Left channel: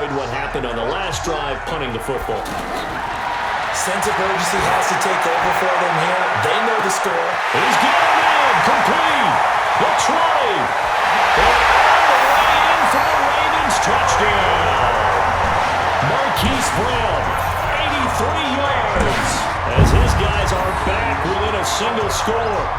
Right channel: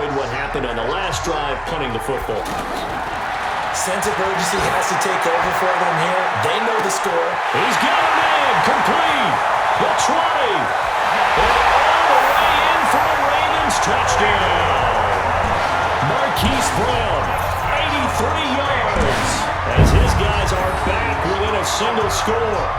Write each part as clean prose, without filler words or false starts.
avoid what happened on the last drive, punting the football. Sense of urgency has to take over for them here. They know the score. He's got him in. Complete. The 20. And all the way in for the Ravens. Touchdown. Marquise Brown, 83 yards. As his guys are back within a single score.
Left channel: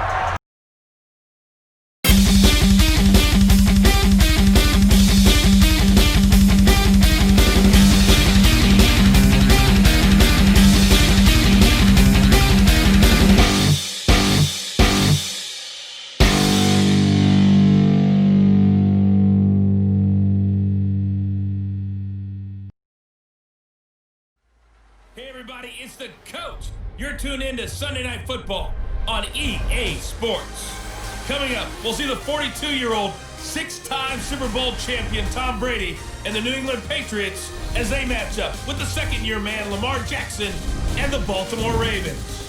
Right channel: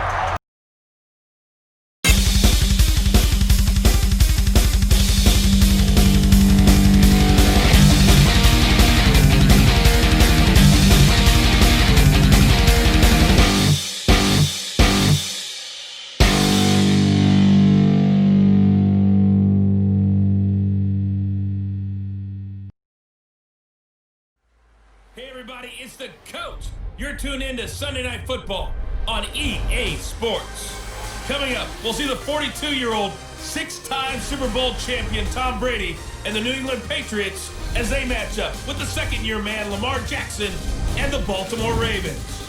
Hey everybody, it's the coach. You're tuned in to Sunday Night Football on EA Sports. Coming up, we'll see the 42-year-old, six-time Super Bowl champion Tom Brady and the New England Patriots as they match up with the second-year man Lamar Jackson and the Baltimore Ravens.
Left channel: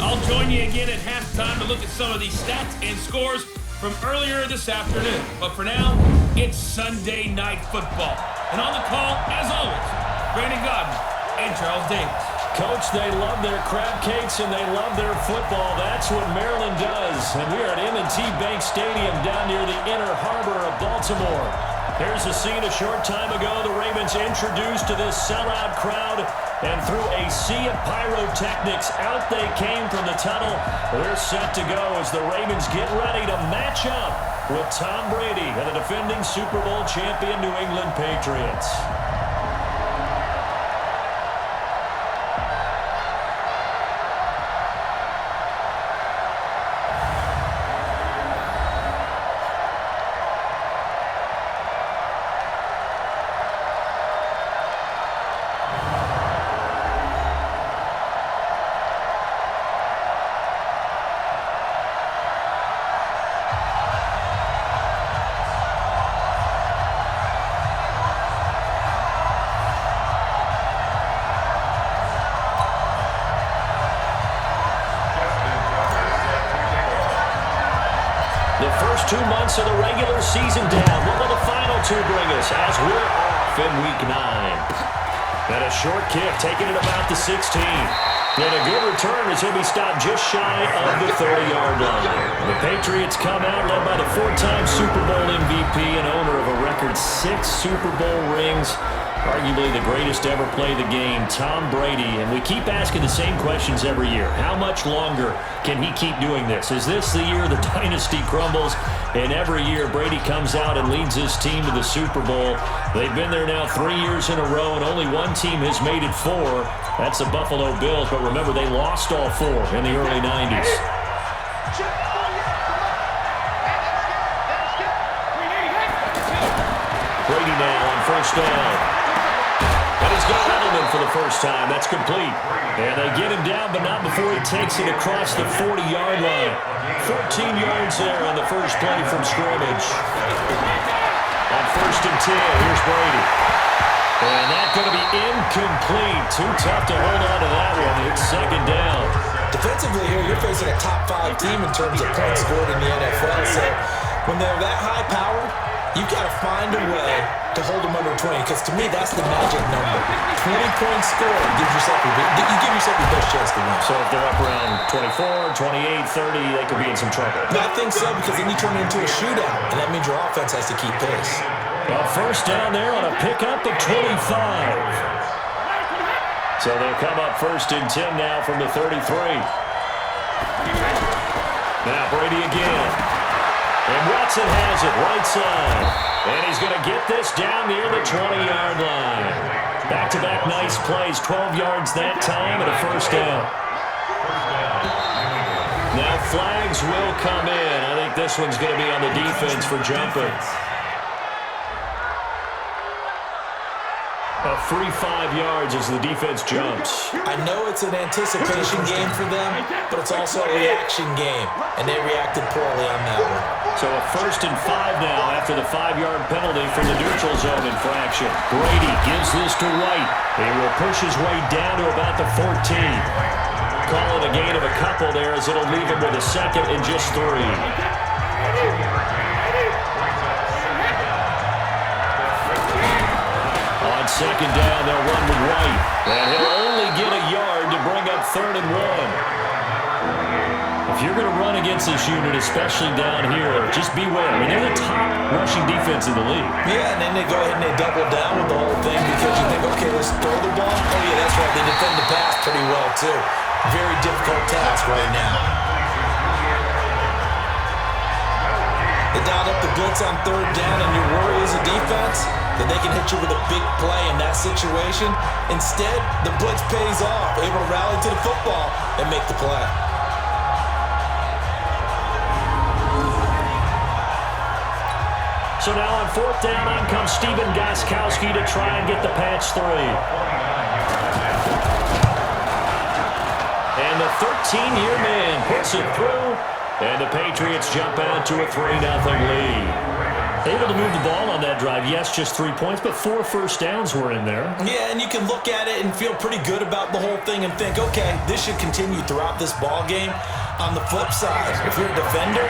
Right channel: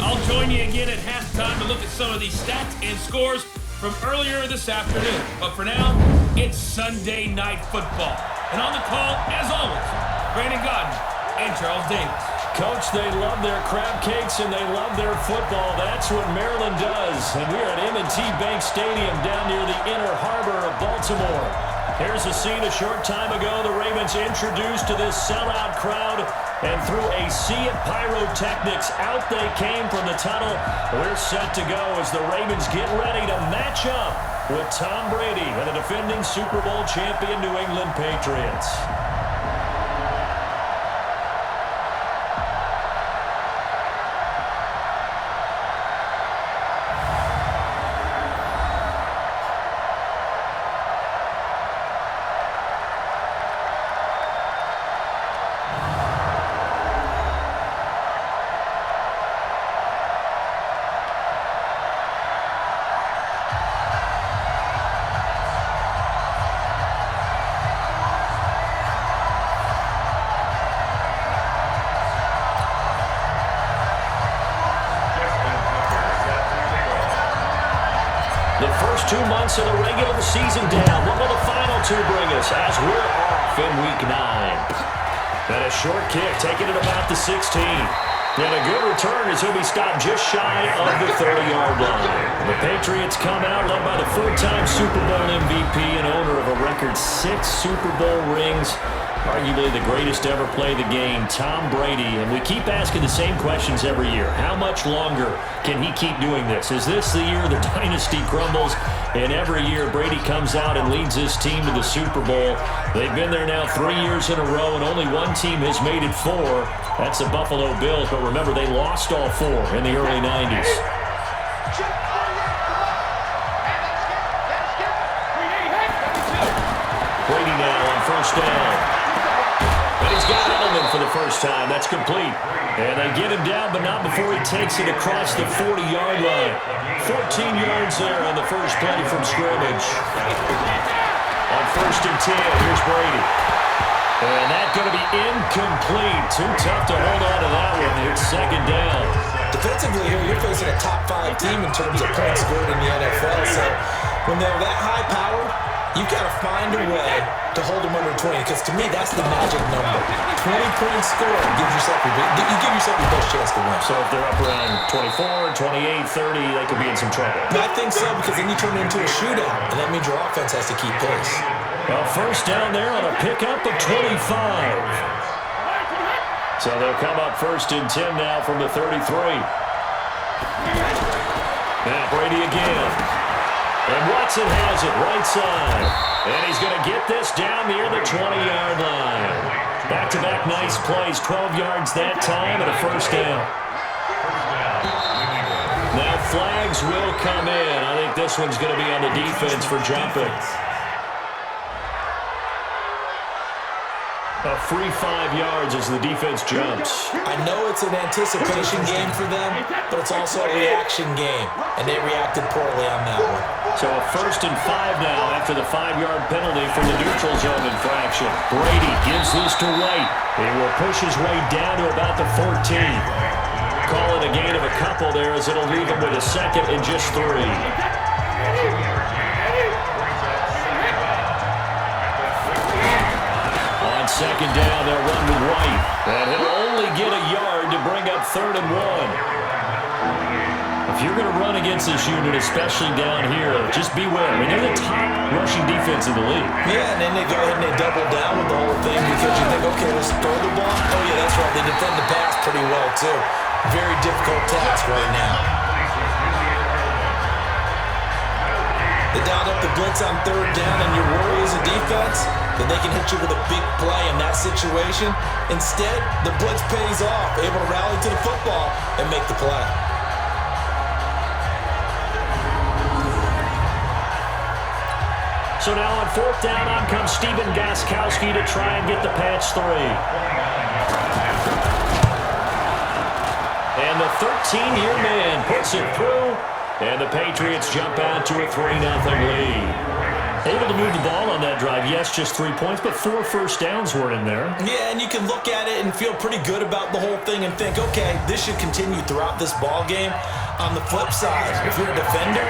I'll join you again at halftime to look at some of these stats and scores from earlier this afternoon. But for now, it's Sunday Night Football. And on the call, as always, Brandon Godden and Charles Davis. Coach, they love their crab cakes and they love their football. That's what Maryland does. And we are at M&T Bank Stadium down near the inner harbor of Baltimore. Here's a scene a short time ago. The Ravens introduced to this sellout crowd, and through a sea of pyrotechnics, out they came from the tunnel. We're set to go as the Ravens get ready to match up with Tom Brady and the defending Super Bowl champion New England Patriots. The first 2 months of the regular season down. What will the final two bring us as we're off in Week 9? And a short kick, taking it about the 16. And a good return as he'll be stopped just shy of the 30-yard line. The Patriots come out led by the four-time Super Bowl MVP and owner of a record 6 Super Bowl rings. Arguably the greatest to ever play the game, Tom Brady. And we keep asking the same questions every year. How much longer can he keep doing this? Is this the year the dynasty crumbles? And every year Brady comes out and leads his team to the Super Bowl. They've been there now 3 years in a row, and only one team has made it 4. That's the Buffalo Bills. But remember, they lost all 4 in the early 90s. Brady now on first down. And he's got Edelman for the first time. That's complete. And they get him down, but not before he takes it across the 40-yard line. 14 yards there on the first play from scrimmage. On first and 10, here's Brady. And that's going to be incomplete. Too tough to hold on to that one. It's second down. Defensively here, you're facing a top 5 team in terms of points scored in the NFL. So when they're that high powered, you've got to find a way to hold them under 20, because to me, that's the magic number. 20-point score gives yourself you give yourself your best chance to win. So if they're up around 24, 28, 30, they could be in some trouble. I think so, because then you turn it into a shootout, and that means your offense has to keep pace. Well, first down there on a pickup of 25. So they'll come up first and 10 now from the 33. Now Brady again. And Watson has it right side. And he's going to get this down near the 20-yard line. Back-to-back nice plays. 12 yards that time and a first down. Now flags will come in. I think this one's going to be on the defense for jumping. A free 5 yards as the defense jumps. I know it's an anticipation game for them, but it's also a reaction game, and they reacted poorly on that one. So a first and 5 now after the 5-yard penalty from the neutral zone infraction. Brady gives this to White. He will push his way down to about the 14. Call it a gain of a couple there as it'll leave him with a second and just 3. On second down, they'll run with White. And he'll only get a yard to bring up 3rd and 1. If you're going to run against this unit, especially down here, just beware. I mean, they're the top rushing defense in the league. Yeah, and then they go ahead and they double down with the whole thing because you think, okay, let's throw the ball. Oh, yeah, that's right. They defend the pass pretty well, too. Very difficult task right now. They dialed up the blitz on 3rd down, and your worry as a defense that they can hit you with a big play in that situation. Instead, the blitz pays off, able to rally to the football and make the play. So now on 4th down, on comes Stephen Gostkowski to try and get the patch 3. And the 13-year man puts it through, and the Patriots jump out to a 3-0 lead. Able to move the ball on that drive. Yes, just 3 points, but 4 first downs were in there. Yeah, and you can look at it and feel pretty good about the whole thing and think, okay, this should continue throughout this ball game. On the flip side, if you're a defender,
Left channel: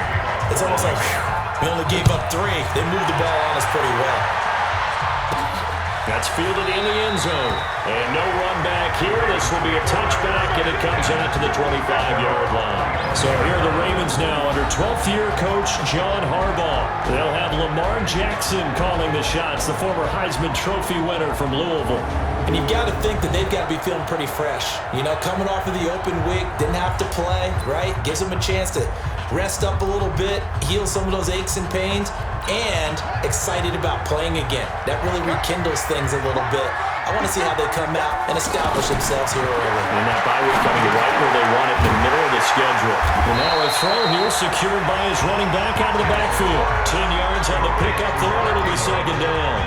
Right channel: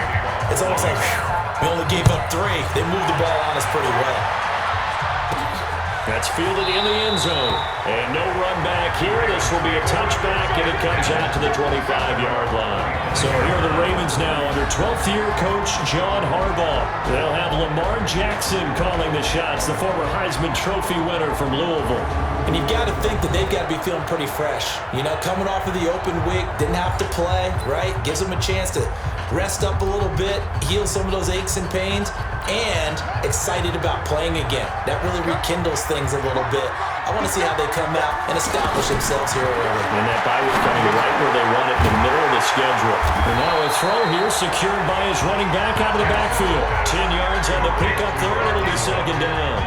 it's almost like, whew, we only gave up 3. They moved the ball on us pretty well. That's fielded in the end zone. And no run back here. This will be a touchback, and it comes out to the 25-yard line. So here are the Ravens now under 12th-year coach John Harbaugh. They'll have Lamar Jackson calling the shots, the former Heisman Trophy winner from Louisville. And you've got to think that they've got to be feeling pretty fresh. You know, coming off of the open week, didn't have to play, right? Gives them a chance to rest up a little bit, heal some of those aches and pains, and excited about playing again. That really rekindles things a little bit. I want to see how they come out and establish themselves here early. And that bye week coming right where they want it, in the middle of the schedule. And now a throw here secured by his running back out of the backfield. 10 yards on the pickup there, and it'll be 2nd down.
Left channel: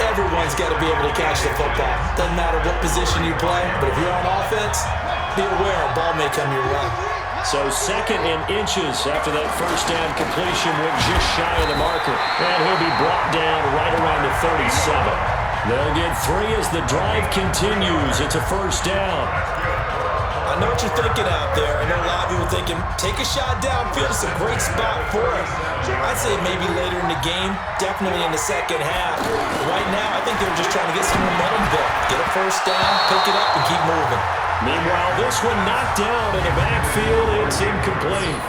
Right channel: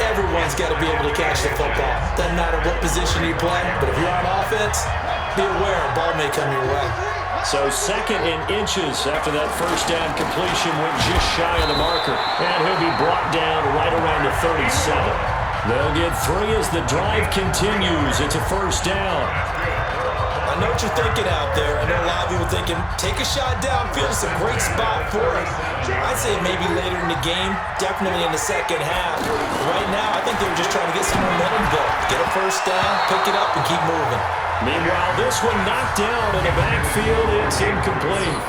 Everyone's got to be able to catch the football. Doesn't matter what position you play, but if you're on offense, be aware a ball may come your way. So 2nd and inches after that first down completion went just shy of the marker. And he'll be brought down right around the 37. They'll get 3 as the drive continues. It's a 1st down. I know what you're thinking out there. I know a lot of you are thinking, take a shot downfield. It's a great spot for it. I'd say maybe later in the game, definitely in the second half. Right now, I think they were just trying to get some momentum built. Get a 1st down, pick it up, and keep moving. Meanwhile, this one knocked down in the backfield. It's incomplete.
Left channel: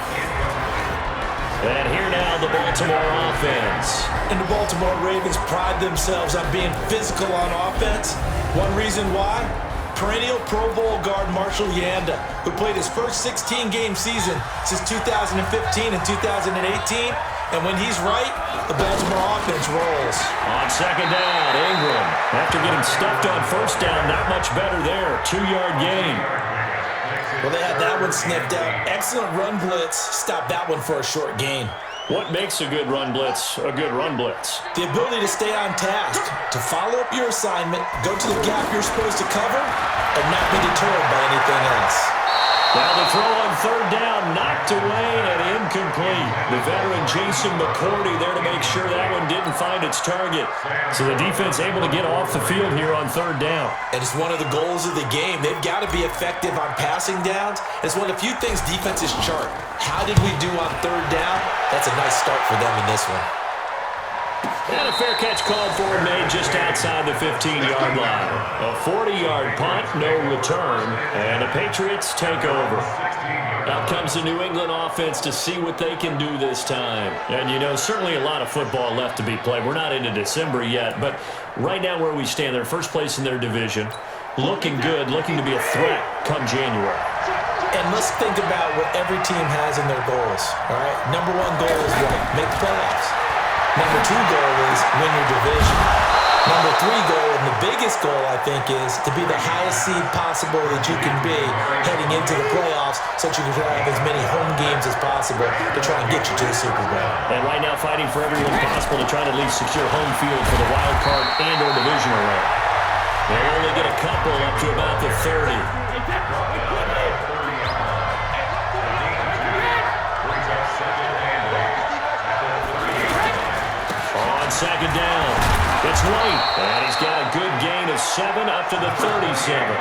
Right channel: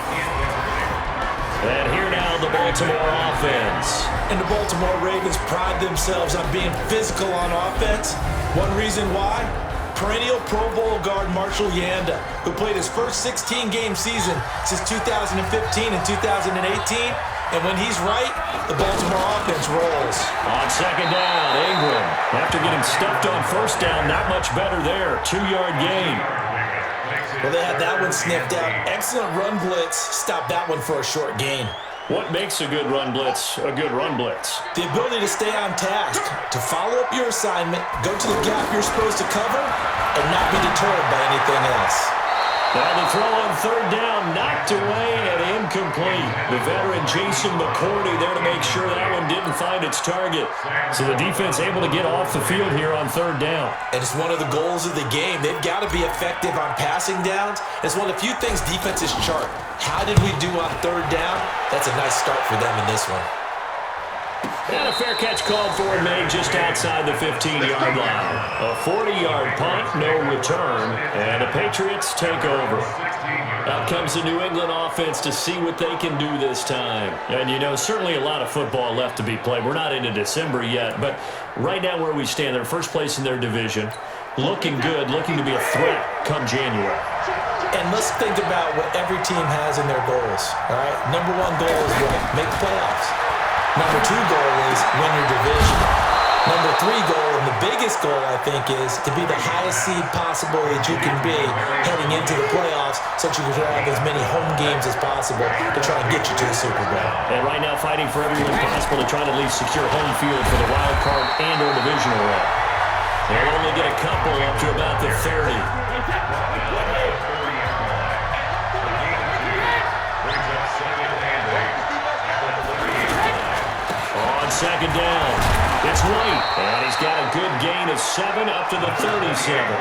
And here now, the Baltimore offense. And the Baltimore Ravens pride themselves on being physical on offense. One reason why? Perennial Pro Bowl guard Marshall Yanda, who played his first 16-game season since 2015 and 2018. And when he's right, the Baltimore offense rolls. On 2nd down, Ingram. After getting stuffed on 1st down, not much better there. 2-yard gain. Well, they had that one sniffed out. Excellent run blitz. Stopped that one for a short gain. What makes a good run blitz a good run blitz? The ability to stay on task, to follow up your assignment, go to the gap you're supposed to cover, and not be deterred by anything else. Now the throw on 3rd down, knocked away and incomplete. The veteran Jason McCourty there to make sure that one didn't find its target. So the defense able to get off the field here on 3rd down. And it's one of the goals of the game. They've got to be effective on passing downs. It's one of the few things defenses chart. How did we do on 3rd down? That's a nice start for them in this one. And a fair catch called for and made just outside the 15-yard line. A 40-yard punt, no return, and the Patriots take over. Out comes the New England offense to see what they can do this time. And, you know, certainly a lot of football left to be played. We're not into December yet, but right now where we stand, they're first place in their division, looking good, looking to be a threat come January. And let's think about what every team has in their goals, all right? Number 1 goal is what? Make the playoffs. Number 2 goal is win your division. Number 3 goal, and the biggest goal, I think, is to be the highest seed possible that you can be heading into the playoffs so that you can have as many home games as possible to try and get you to the Super Bowl. And right now fighting for everything possible to try to at least secure home field for the wild card and or divisional round. They'll only get a couple up to about the 30. On 2nd down, it's White, and he's got a good gain of 7 up to the 37.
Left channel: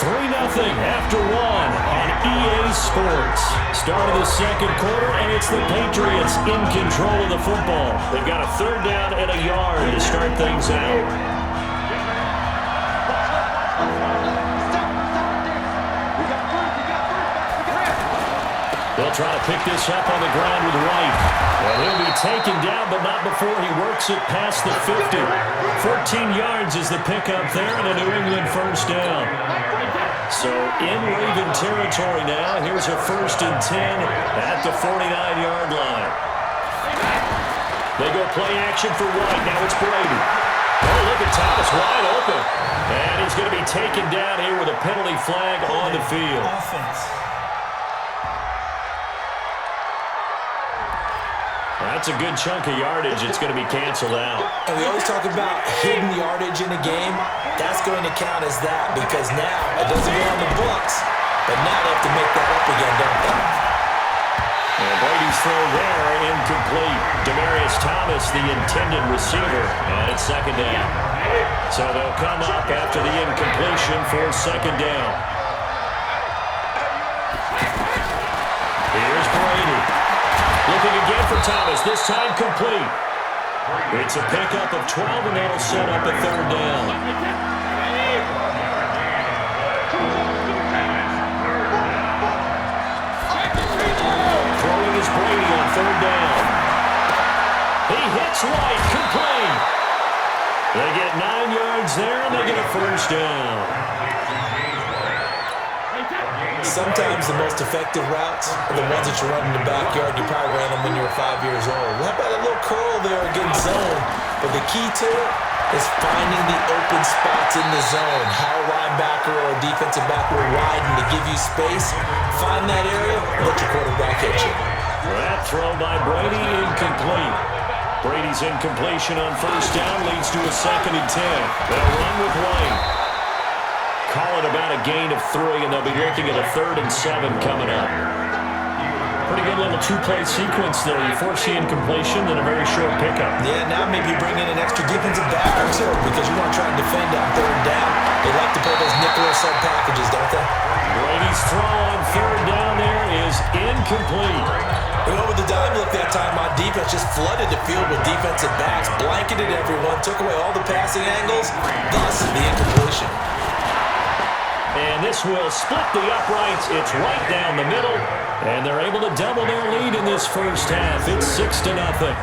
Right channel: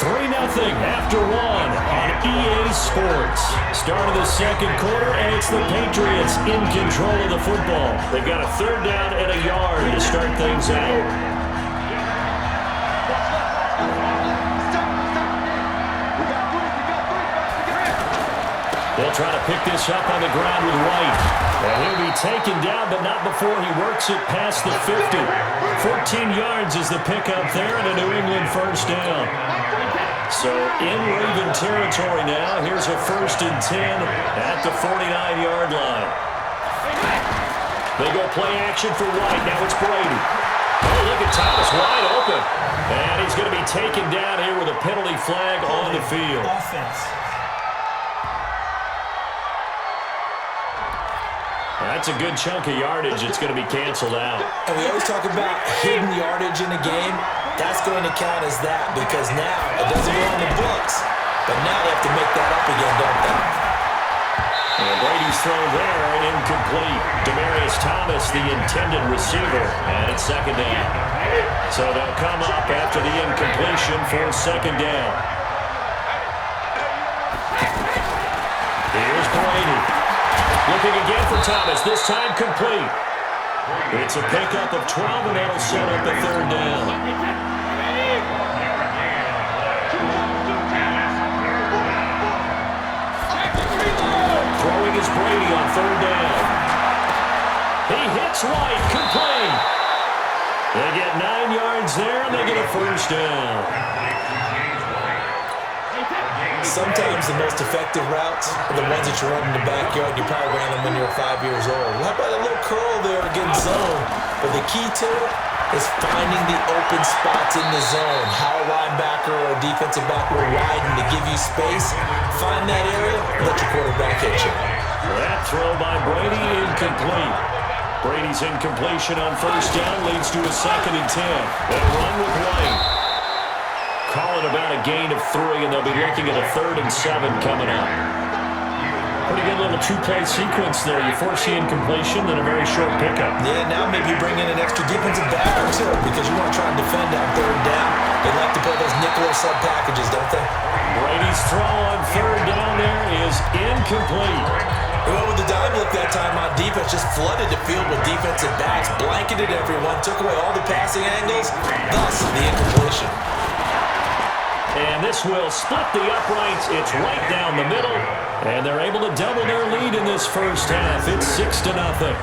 3-0 after one on EA Sports. Start of the second quarter, and it's the Patriots in control of the football. They've got a third down and a yard to start things out. They'll try to pick this up on the ground with White. And he'll be taken down, but not before he works it past the 50. 14 yards is the pickup there, and a New England first down. So in Raven territory now. Here's a 1st and 10 at the 49-yard line. They go play action for White. Now it's Brady. Oh, look at Thomas wide open. And he's going to be taken down here with a penalty flag on the field. Offense. That's a good chunk of yardage. It's going to be canceled out. And we always talk about hidden yardage in a game. That's going to count as that because now it doesn't go on the books, but now they have to make that up again, don't they? And Brady's throw there, incomplete. Demaryius Thomas, the intended receiver, and it's second down. So they'll come up after the incompletion for second down. Here's Brady. Looking again for Thomas, this time complete. It's a pickup of 12, and that'll set up a third down. Throwing is Brady on third down. He hits White, complete. They get 9 yards there, and they get a first down. Sometimes the most effective routes are the ones that you run in the backyard. You probably ran them when you were 5 years old. How about a little curl there against zone? But the key to it is finding the open spots in the zone. How a linebacker or a defensive back will widen to give you space. Find that area and let your quarterback hit you. That throw by Brady, incomplete. Brady's incompletion on first down leads to a 2nd and 10. They'll run with White. Call it about a gain of 3, and they'll be looking at a 3rd and 7 coming up. Pretty good little two-play sequence there. You force the incompletion, then a very short pickup. Yeah, now maybe you bring in an extra defensive back or two because you want to try and defend on third down. They like to play those nickel or sub packages, don't they? Brady's throw on third down there is incomplete. They went with the dime look that time on defense, just flooded the field with defensive backs, blanketed everyone, took away all the passing angles, thus the incompletion. And this will split the uprights. It's right down the middle. And they're able to double their lead in this first half. It's 6-0.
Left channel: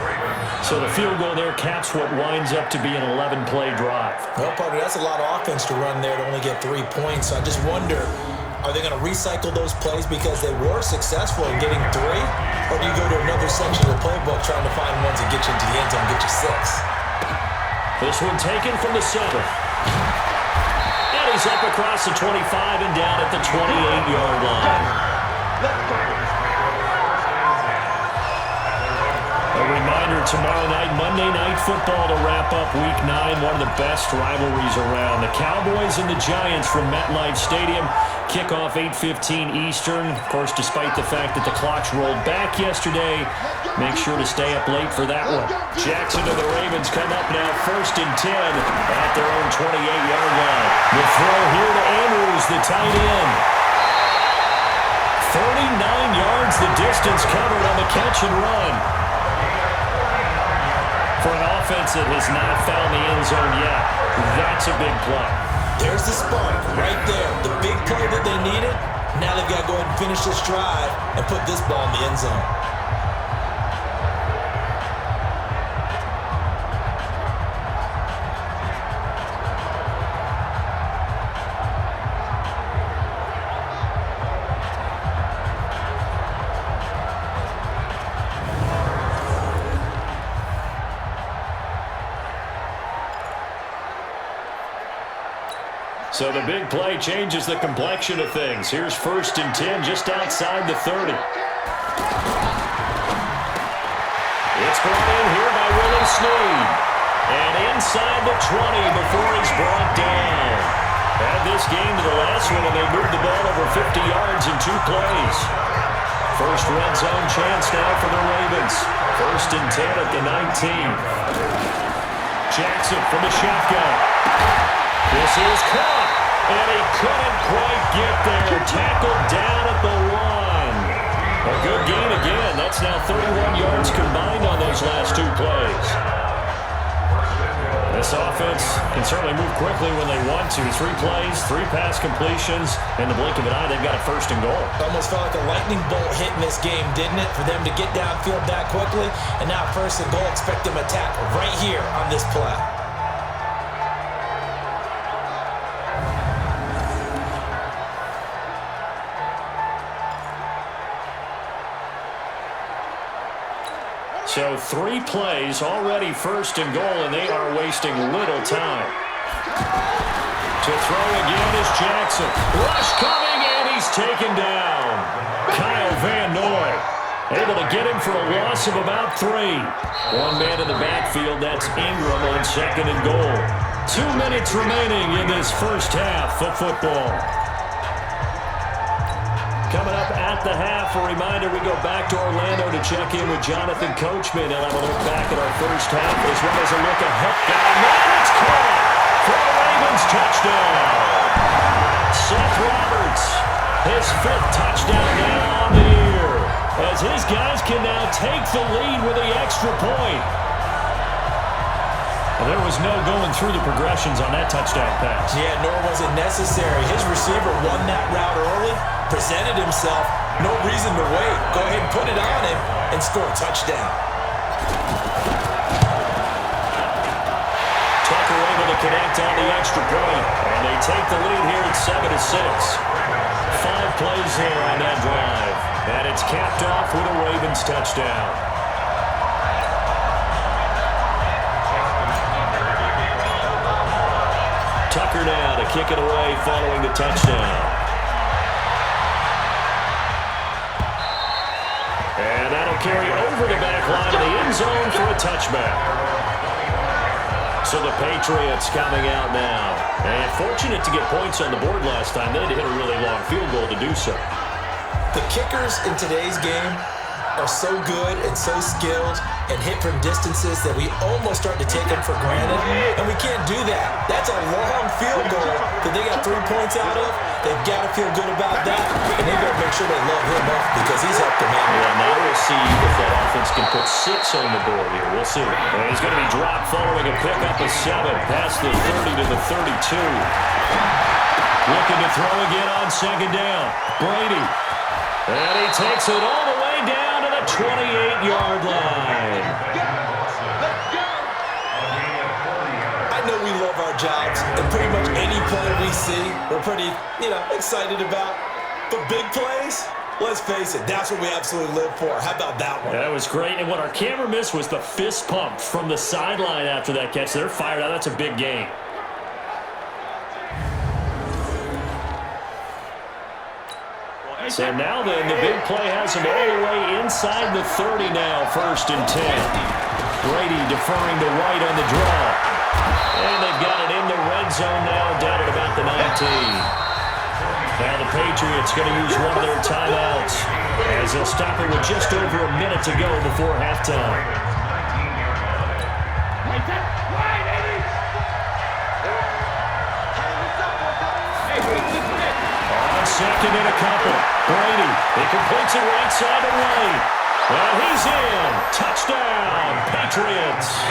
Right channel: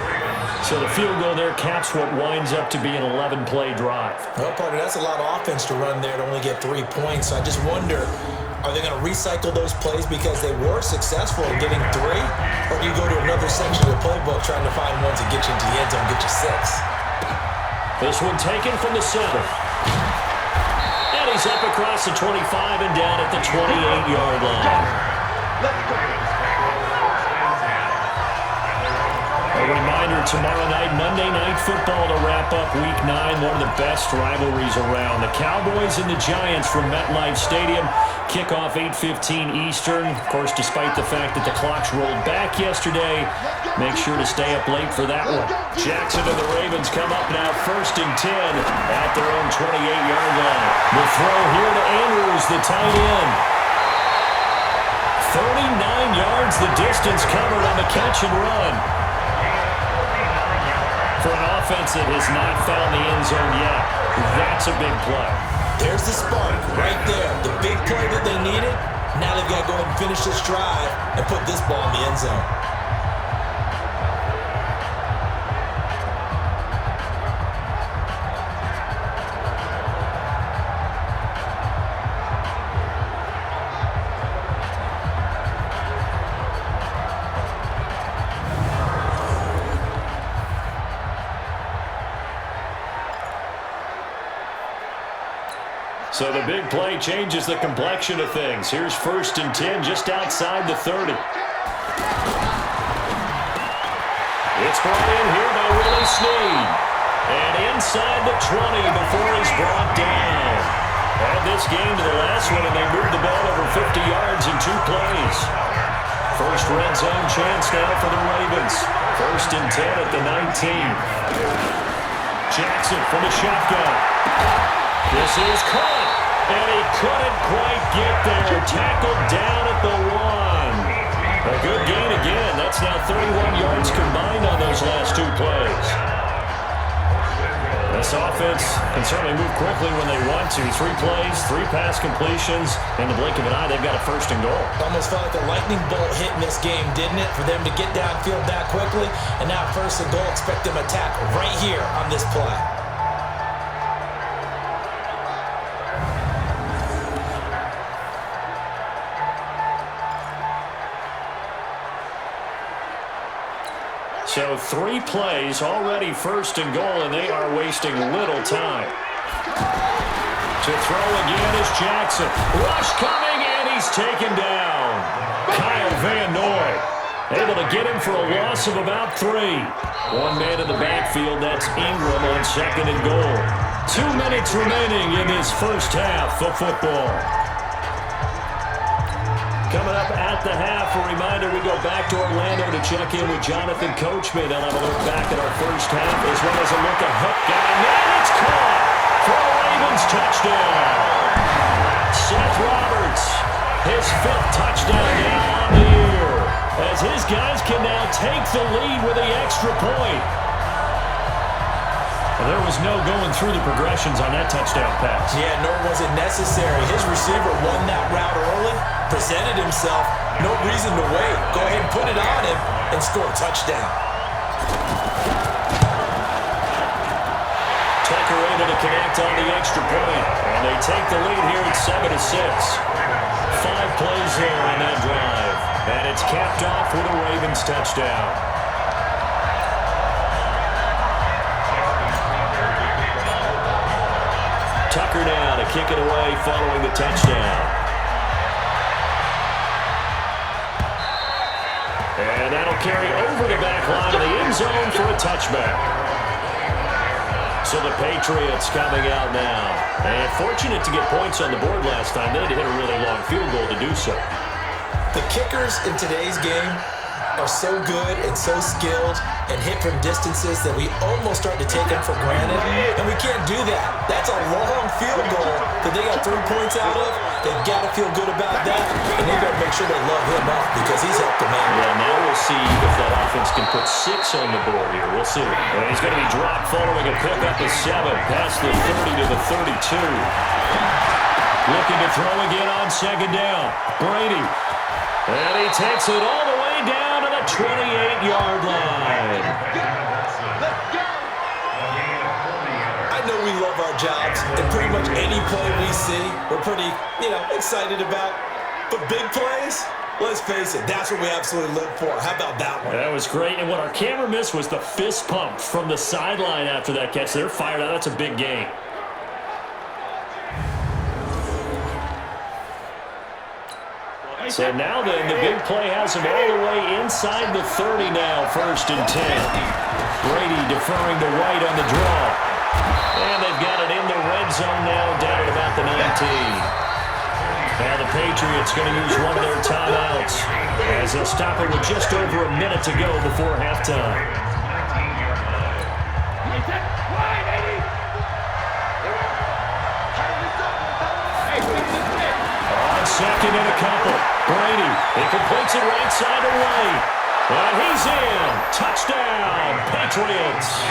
So the field goal there caps what winds up to be an 11-play drive. Well, partner, that's a lot of offense to run there to only get 3 points. So I just wonder, are they going to recycle those plays because they were successful in getting 3? Or do you go to another section of the playbook trying to find ones that get you into the end zone, get you 6? This one taken from the 7th. He's up across the 25 and down at the 28-yard line. Let's go. A reminder, tomorrow night, Monday Night Football to wrap up Week 9, one of the best rivalries around. The Cowboys and the Giants from MetLife Stadium. Kickoff 8:15 Eastern. Of course, despite the fact that the clocks rolled back yesterday, make sure to stay up late for that one. Jackson and the Ravens come up now 1st and 10 at their own 28-yard line. The throw here to Andrews, the tight end. 39 yards the distance covered on the catch and run. For an offense that has not found the end zone yet, that's a big play. There's the spark right there. The big play that they needed. Now they've got to go ahead and finish this drive and put this ball in the end zone. So the big play changes the complexion of things. Here's 1st and 10 just outside the 30. It's brought in here by Willie Snead. And inside the 20 before he's brought down. Add this game to the last one, and they moved the ball over 50 yards in 2 plays. First red zone chance now for the Ravens. 1st and 10 at the 19. Jackson from the shotgun. This is caught. And he couldn't quite get there. Tackled down at the 1. A good gain again. That's now 31 yards combined on those last 2 plays. This offense can certainly move quickly when they want to. 3 plays, 3 pass completions. In the blink of an eye, they've got a 1st and goal. Almost felt like a lightning bolt hit in this game, didn't it? For them to get downfield that quickly. And now 1st and goal, expect them to attack right here on this play. So 3 plays, already 1st and goal, and they are wasting little time. To throw again is Jackson. Rush coming, and he's taken down. Kyle Van Noy able to get him for a loss of about 3. 1 man in the backfield, that's Ingram on 2nd and goal. 2 minutes remaining in this first half of football. Coming up at the half, a reminder, we go back to Orlando to check in with Jonathan Coachman. He'll have a look back at our first half as well as a look ahead. Got a man, it's caught for a Ravens touchdown. Seth Roberts, his 5th touchdown now on the year, as his guys can now take the lead with the extra point. There was no going through the progressions on that touchdown pass. Yeah, nor was it necessary. His receiver won that route early, presented himself, no reason to wait. Go ahead and put it on him and score a touchdown. Tucker able to connect on the extra point, and they take the lead here at 7-6. 5 plays there on that drive, and it's capped off with a Ravens touchdown. Tucker now to kick it away following the touchdown. And that'll carry over the back line of the end zone for a touchback. So the Patriots coming out now. And fortunate to get points on the board last time. They had to hit a really long field goal to do so. The kickers in today's game are so good and so skilled and hit from distances that we almost start to take them for granted, and we can't do that. That's a long field goal that they got 3 points out of. They've got to feel good about that, and they better make sure they love him up because he's helped them out. Yeah, now we'll see if that offense can put 6 on the board here. We'll see. And he's going to be dropped following a pickup of 7 past the 30 to the 32. Looking to throw again on 2nd down. Brady. And he takes it all the way down to the 28-yard line. Let's go. I know we love our jobs, and pretty much any play we see, we're pretty, excited about. But big plays, let's face it, that's what we absolutely live for. How about that one? That was great. And what our camera missed was the fist pump from the sideline after that catch. They're fired out. That's a big gain. So now then, the big play has them all the way inside the 30 now, 1st and 10. Brady deferring to White on the draw. And they've got it in the red zone now, down at about the 19. Now the Patriots going to use one of their timeouts as they'll stop it with just over a minute to go before halftime. On 2nd and a couple, Brady, he completes it right side to White. And he's in. Touchdown, Patriots.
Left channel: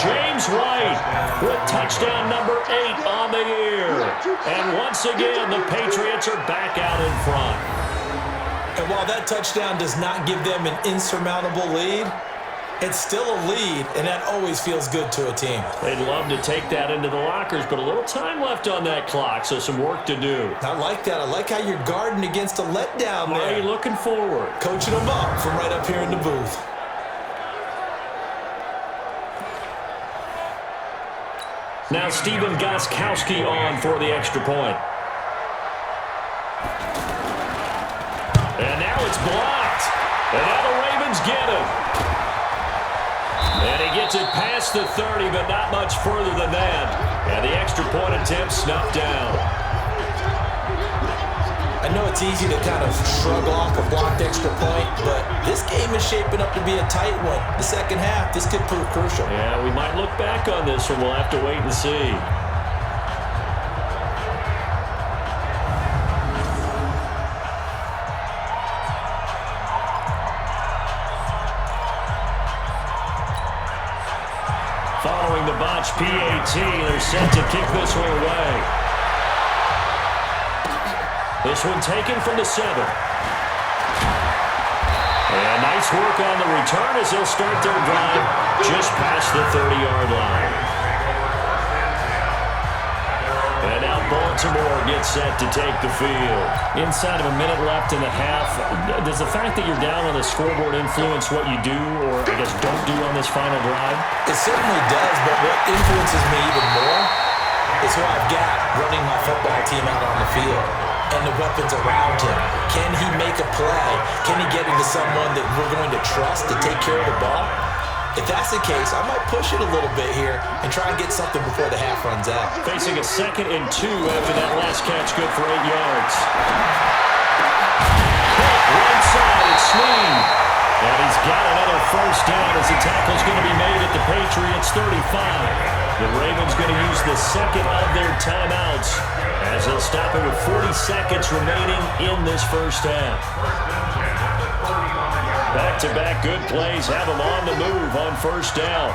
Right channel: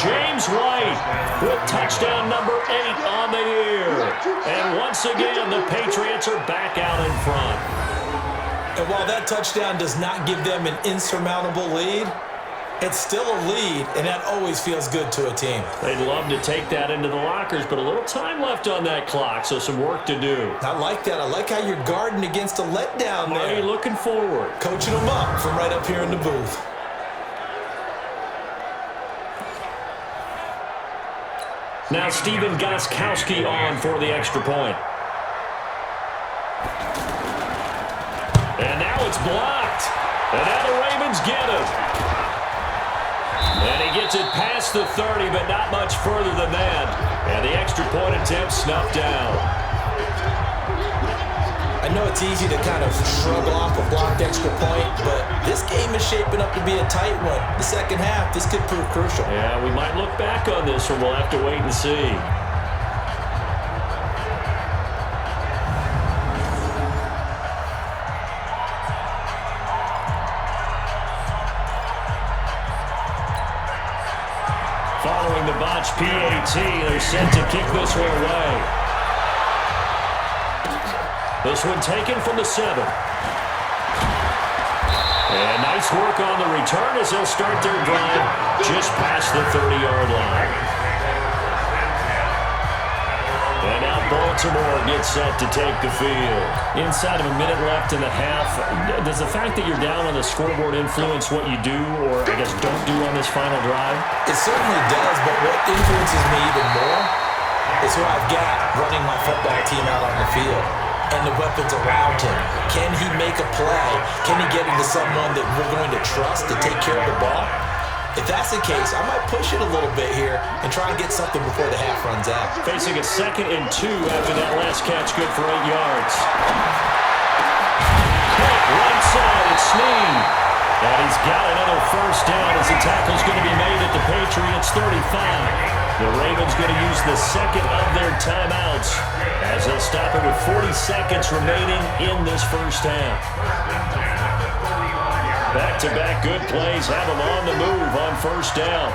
James White with touchdown number 8 on the year. And once again, the Patriots are back out in front. And while that touchdown does not give them an insurmountable lead, it's still a lead, and that always feels good to a team. They'd love to take that into the lockers, but a little time left on that clock, so some work to do. I like that. I like how you're guarding against a letdown there. Are you looking forward? Coaching them up from right up here in the booth. Now Steven Gostkowski on for the extra point. And now it's blocked. And now the Ravens get it. And he gets it past the 30, but not much further than that. And the extra point attempt snuffed down. I know it's easy to kind of shrug off a blocked extra point, but this game is shaping up to be a tight one. The second half, this could prove crucial. Yeah, we might look back on this one. We'll have to wait and see. Following the botched PAT, they're set to kick this one away. This one taken from the 7. And nice work on the return as they'll start their drive just past the 30-yard line. And now Baltimore gets set to take the field. Inside of a minute left in the half, does the fact that you're down on the scoreboard influence what you do or, I guess, don't do on this final drive? It certainly does, but what influences me even more is who I've got running my football team out on the field and the weapons around him. Can he make a play? Can he get into someone that we're going to trust to take care of the ball? If that's the case, I might push it a little bit here and try and get something before the half runs out. Facing a 2nd and 2 after that last catch, good for 8 yards. Caught right side, it's Snead. And he's got another first down as the tackle's going to be made at the Patriots 35. The Ravens going to use the 2nd of their timeouts as they'll stop it with 40 seconds remaining in this first half. Back-to-back good plays have them on the move on first down.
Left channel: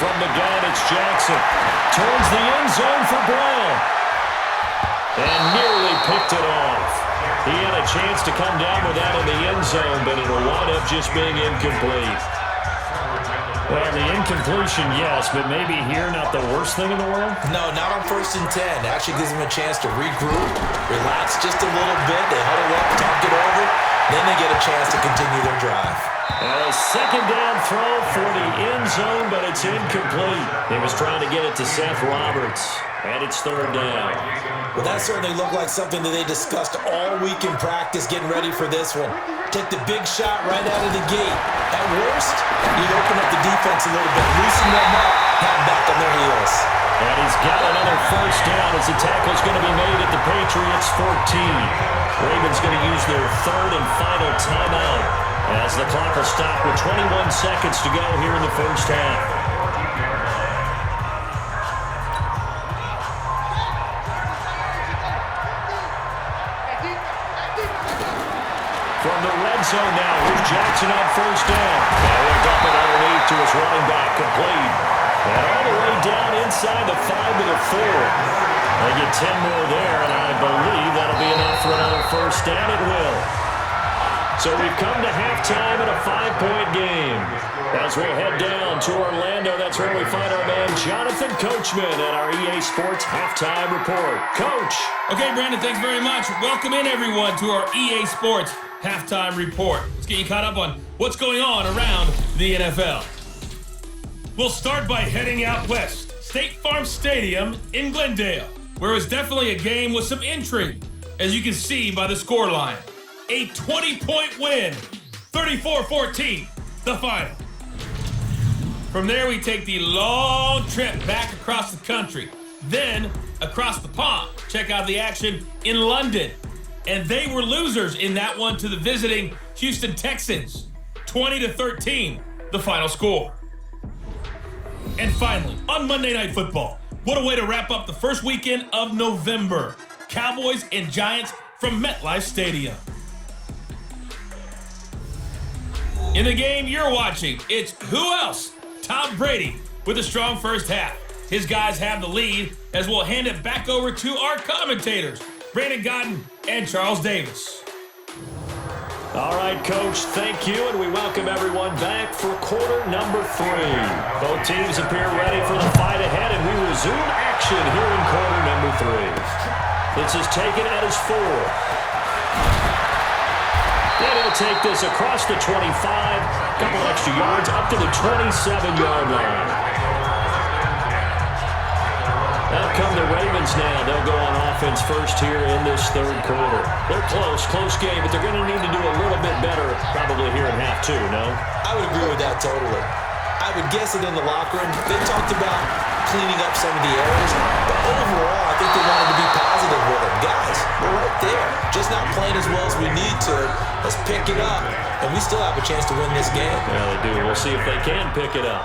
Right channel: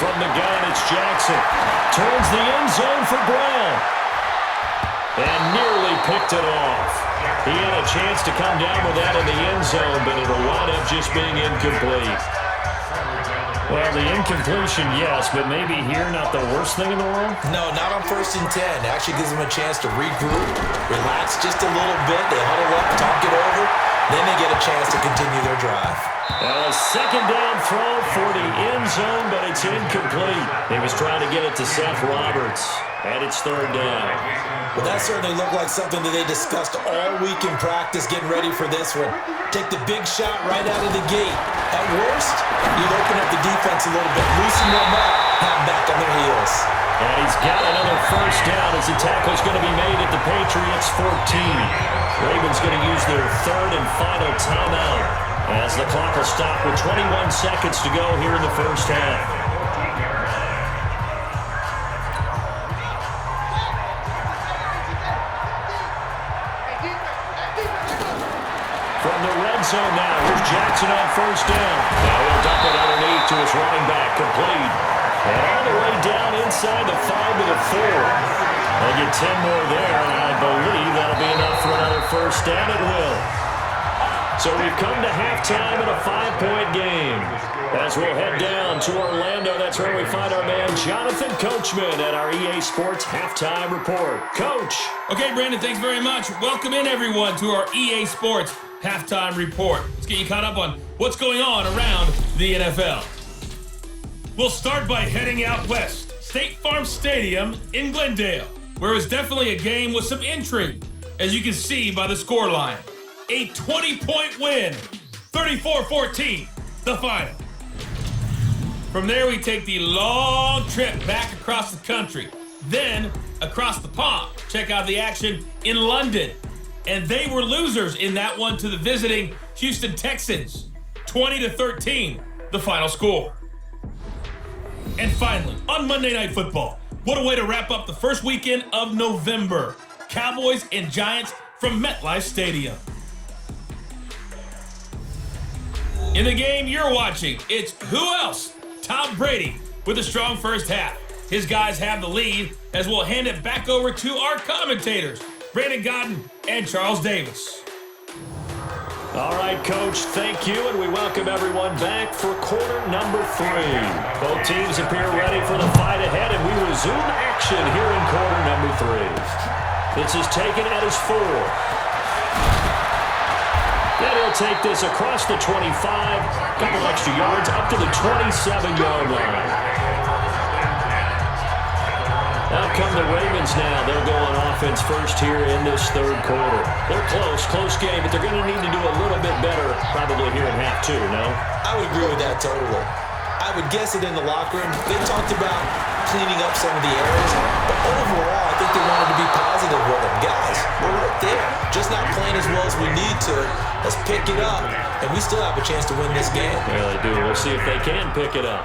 From the gun, it's Jackson. Towards the end zone for Brown. And nearly picked it off. He had a chance to come down with that in the end zone, but it'll wind up just being incomplete. Well, the incompletion, yes, but maybe here not the worst thing in the world? No, not on 1st and 10. Actually gives them a chance to regroup, relax just a little bit. They huddle up, talk it over. Then they get a chance to continue their drive. Now a 2nd down throw for the end zone, but it's incomplete. He was trying to get it to Seth Roberts, and it's 3rd down. Well, that certainly looked like something that they discussed all week in practice, getting ready for this one. Take the big shot right out of the gate. At worst, you'd open up the defense a little bit, loosen them up, have them back on their heels. And he's got another first down as the tackle's going to be made at the Patriots 14. Ravens going to use their 3rd and final timeout as the clock will stop with 21 seconds to go here in the first half. From the red zone now, here's Jackson on first down. Now he'll dump it underneath to his running back, complete. And all the way down inside the 5 to the 4. They get 10 more there, and I believe that'll be enough for another first down. It will. So we've come to halftime in a 5-point game. As we'll head down to Orlando, that's where we find our man Jonathan Coachman at our EA Sports Halftime Report. Coach. Okay, Brandon, thanks very much. Welcome in, everyone, to our EA Sports Halftime Report. Let's get you caught up on what's going on around the NFL. We'll start by heading out west. State Farm Stadium in Glendale, where it was definitely a game with some intrigue, as you can see by the scoreline. A 20-point win, 34-14, the final. From there, we take the long trip back across the country, then across the pond. Check out the action in London. And they were losers in that one to the visiting Houston Texans. 20-13, the final score. And finally, on Monday Night Football, what a way to wrap up the first weekend of November. Cowboys and Giants from MetLife Stadium. In the game you're watching, it's who else? Tom Brady with a strong first half. His guys have the lead as we'll hand it back over to our commentators, Brandon Godden and Charles Davis. All right, Coach, thank you, and we welcome everyone back for quarter number 3. Both teams appear ready for the fight ahead, and we resume action here in quarter number 3. This is taken at his 4. And he'll take this across the 25, couple extra yards up to the 27-yard line. Out come the Ravens now. They'll go on offense first here in this third quarter. They're close game, but they're going to need to do a little bit better probably here in half 2, no? I would agree with that totally. I would guess that in the locker room, they talked about cleaning up some of the errors, but overall, I think they wanted to be positive with them. Guys, we're right there. Just not playing as well as we need to. Let's pick it up, and we still have a chance to win this game. Yeah, they do. We'll see if they can pick it up.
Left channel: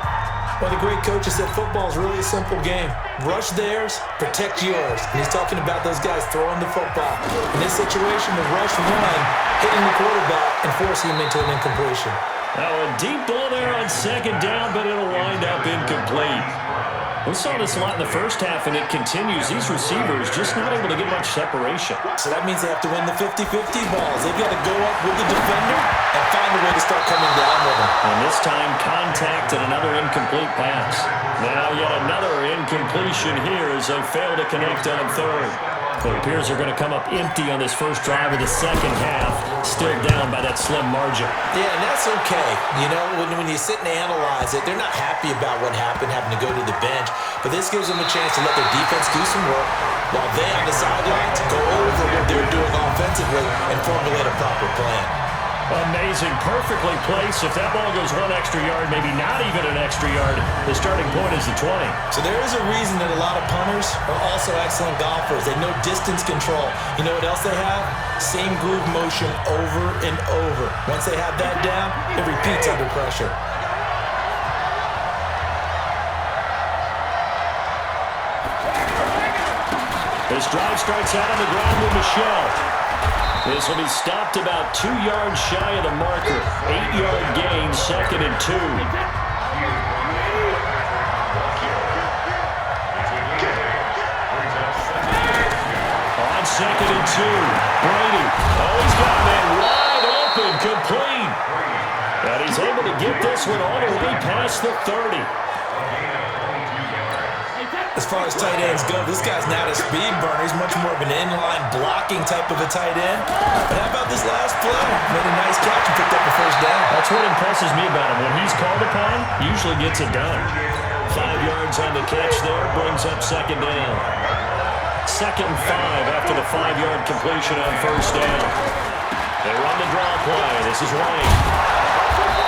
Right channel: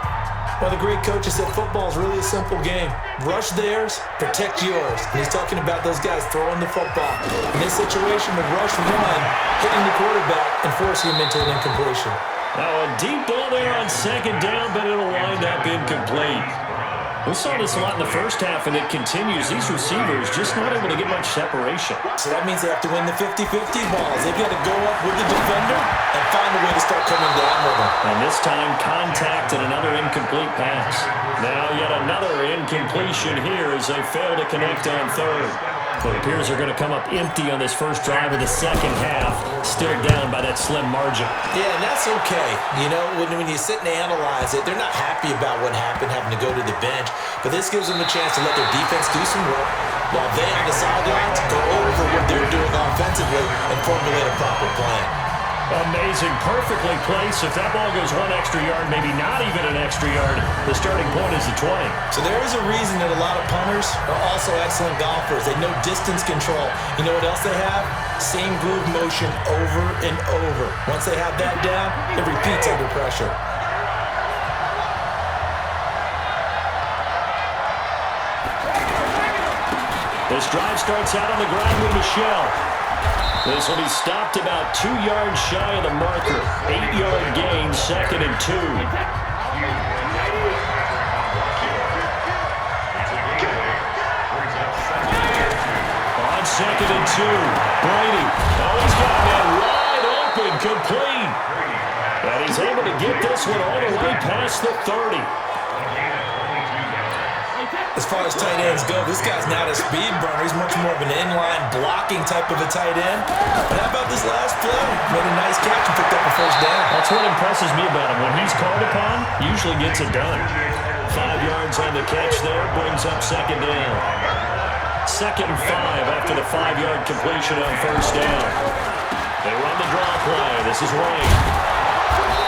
Well, the great coaches said football is really a simple game. Rush theirs, protect yours. And he's talking about those guys throwing the football. In this situation, the rush one, hitting the quarterback and forcing him into an incompletion. Now a deep ball there on second down, but it'll wind up incomplete. We saw this a lot in the first half, and it continues. These receivers just not able to get much separation. So that means they have to win the 50-50 balls. They've got to go up with the defender and find a way to start coming down with them. And this time, contact and another incomplete pass. Now yet another incompletion here as they fail to connect on third. It appears they're going to come up empty on this first drive of the second half, still down by that slim margin. Yeah, and that's okay. You know, when you sit and analyze it, they're not happy about what happened, having to go to the bench. But this gives them a chance to let their defense do some work while they on the sidelines go over what they're doing offensively and formulate a proper plan. Amazing. Perfectly placed. If that ball goes one extra yard, maybe not even an extra yard, the starting point is the 20. So there is a reason that a lot of punters are also excellent golfers. They know distance control. You know what else they have? Same groove motion over and over. Once they have that down, it repeats under pressure. This drive starts out on the ground with Michelle. This will be stopped about 2 yards shy of the marker. 8-yard gain, 2nd and 2. On 2nd and 2, Brady. Oh, he's got a man wide open, complete. And he's able to get this one all the way past the 30. As far as tight ends go, this guy's not a speed burner. He's much more of an inline blocking type of a tight end. But how about this last play? Made a nice catch and picked up a first down. That's what impresses me about him. When he's called upon, usually gets it done. 5 yards on the catch there, brings up 2nd down. 2nd and 5 after the 5-yard completion on first down. They run the draw play. This is White.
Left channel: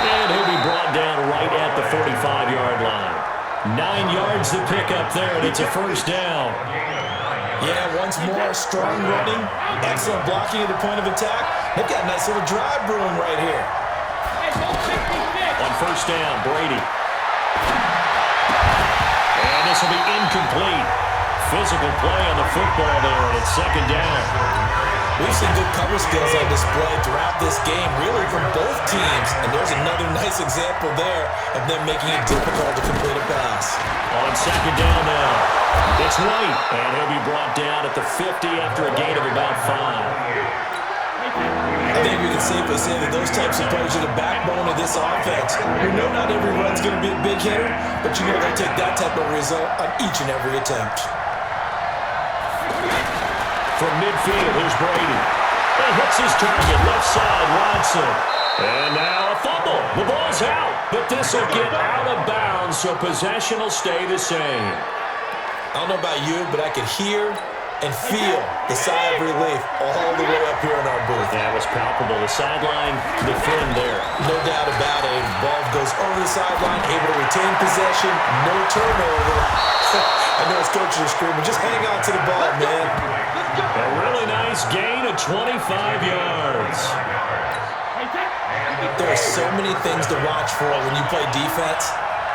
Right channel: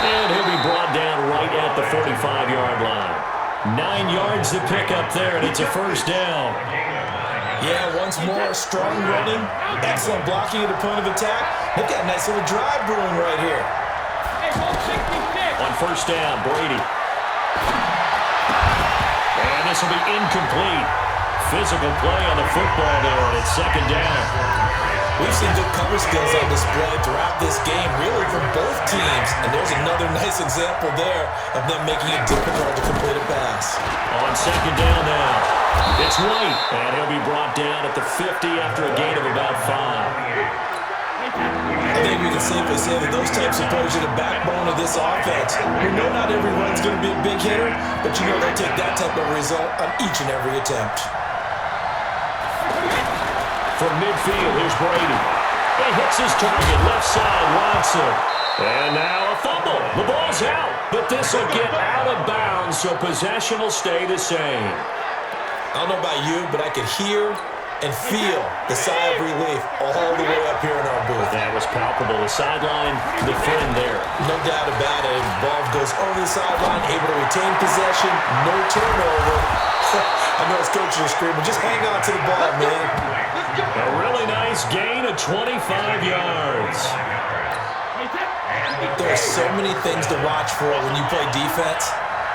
And he'll be brought down right at the 45-yard line. 9 yards to pick up there, and it's a first down. Yeah, once more, strong running, excellent blocking at the point of attack. They've got a nice little drive brewing right here. On first down, Brady. And this will be incomplete. Physical play on the football there, and it's 2nd down. We've seen good cover skills on display throughout this game, really from both teams. And there's another nice example there of them making it difficult to complete a pass. On 2nd down now, it's White, and he'll be brought down at the 50 after a gain of about 5. I think we can safely say that those types of plays are the backbone of this offense. We know not every run's going to be a big hitter, but you know they'll take that type of result on each and every attempt. From midfield, here's Brady. He hits his target, left side, Watson. And now a fumble. The ball's out, but this will get out of bounds, so possession will stay the same. I don't know about you, but I could hear and feel the sigh of relief all the way up here in our booth. That was palpable. The sideline, the friend there. No doubt about it. Ball goes over the sideline, able to retain possession, no turnover. I know his coaches are screaming, just hang on to the ball, man. A really nice gain of 25 yards. There are so many things to watch for when you play defense.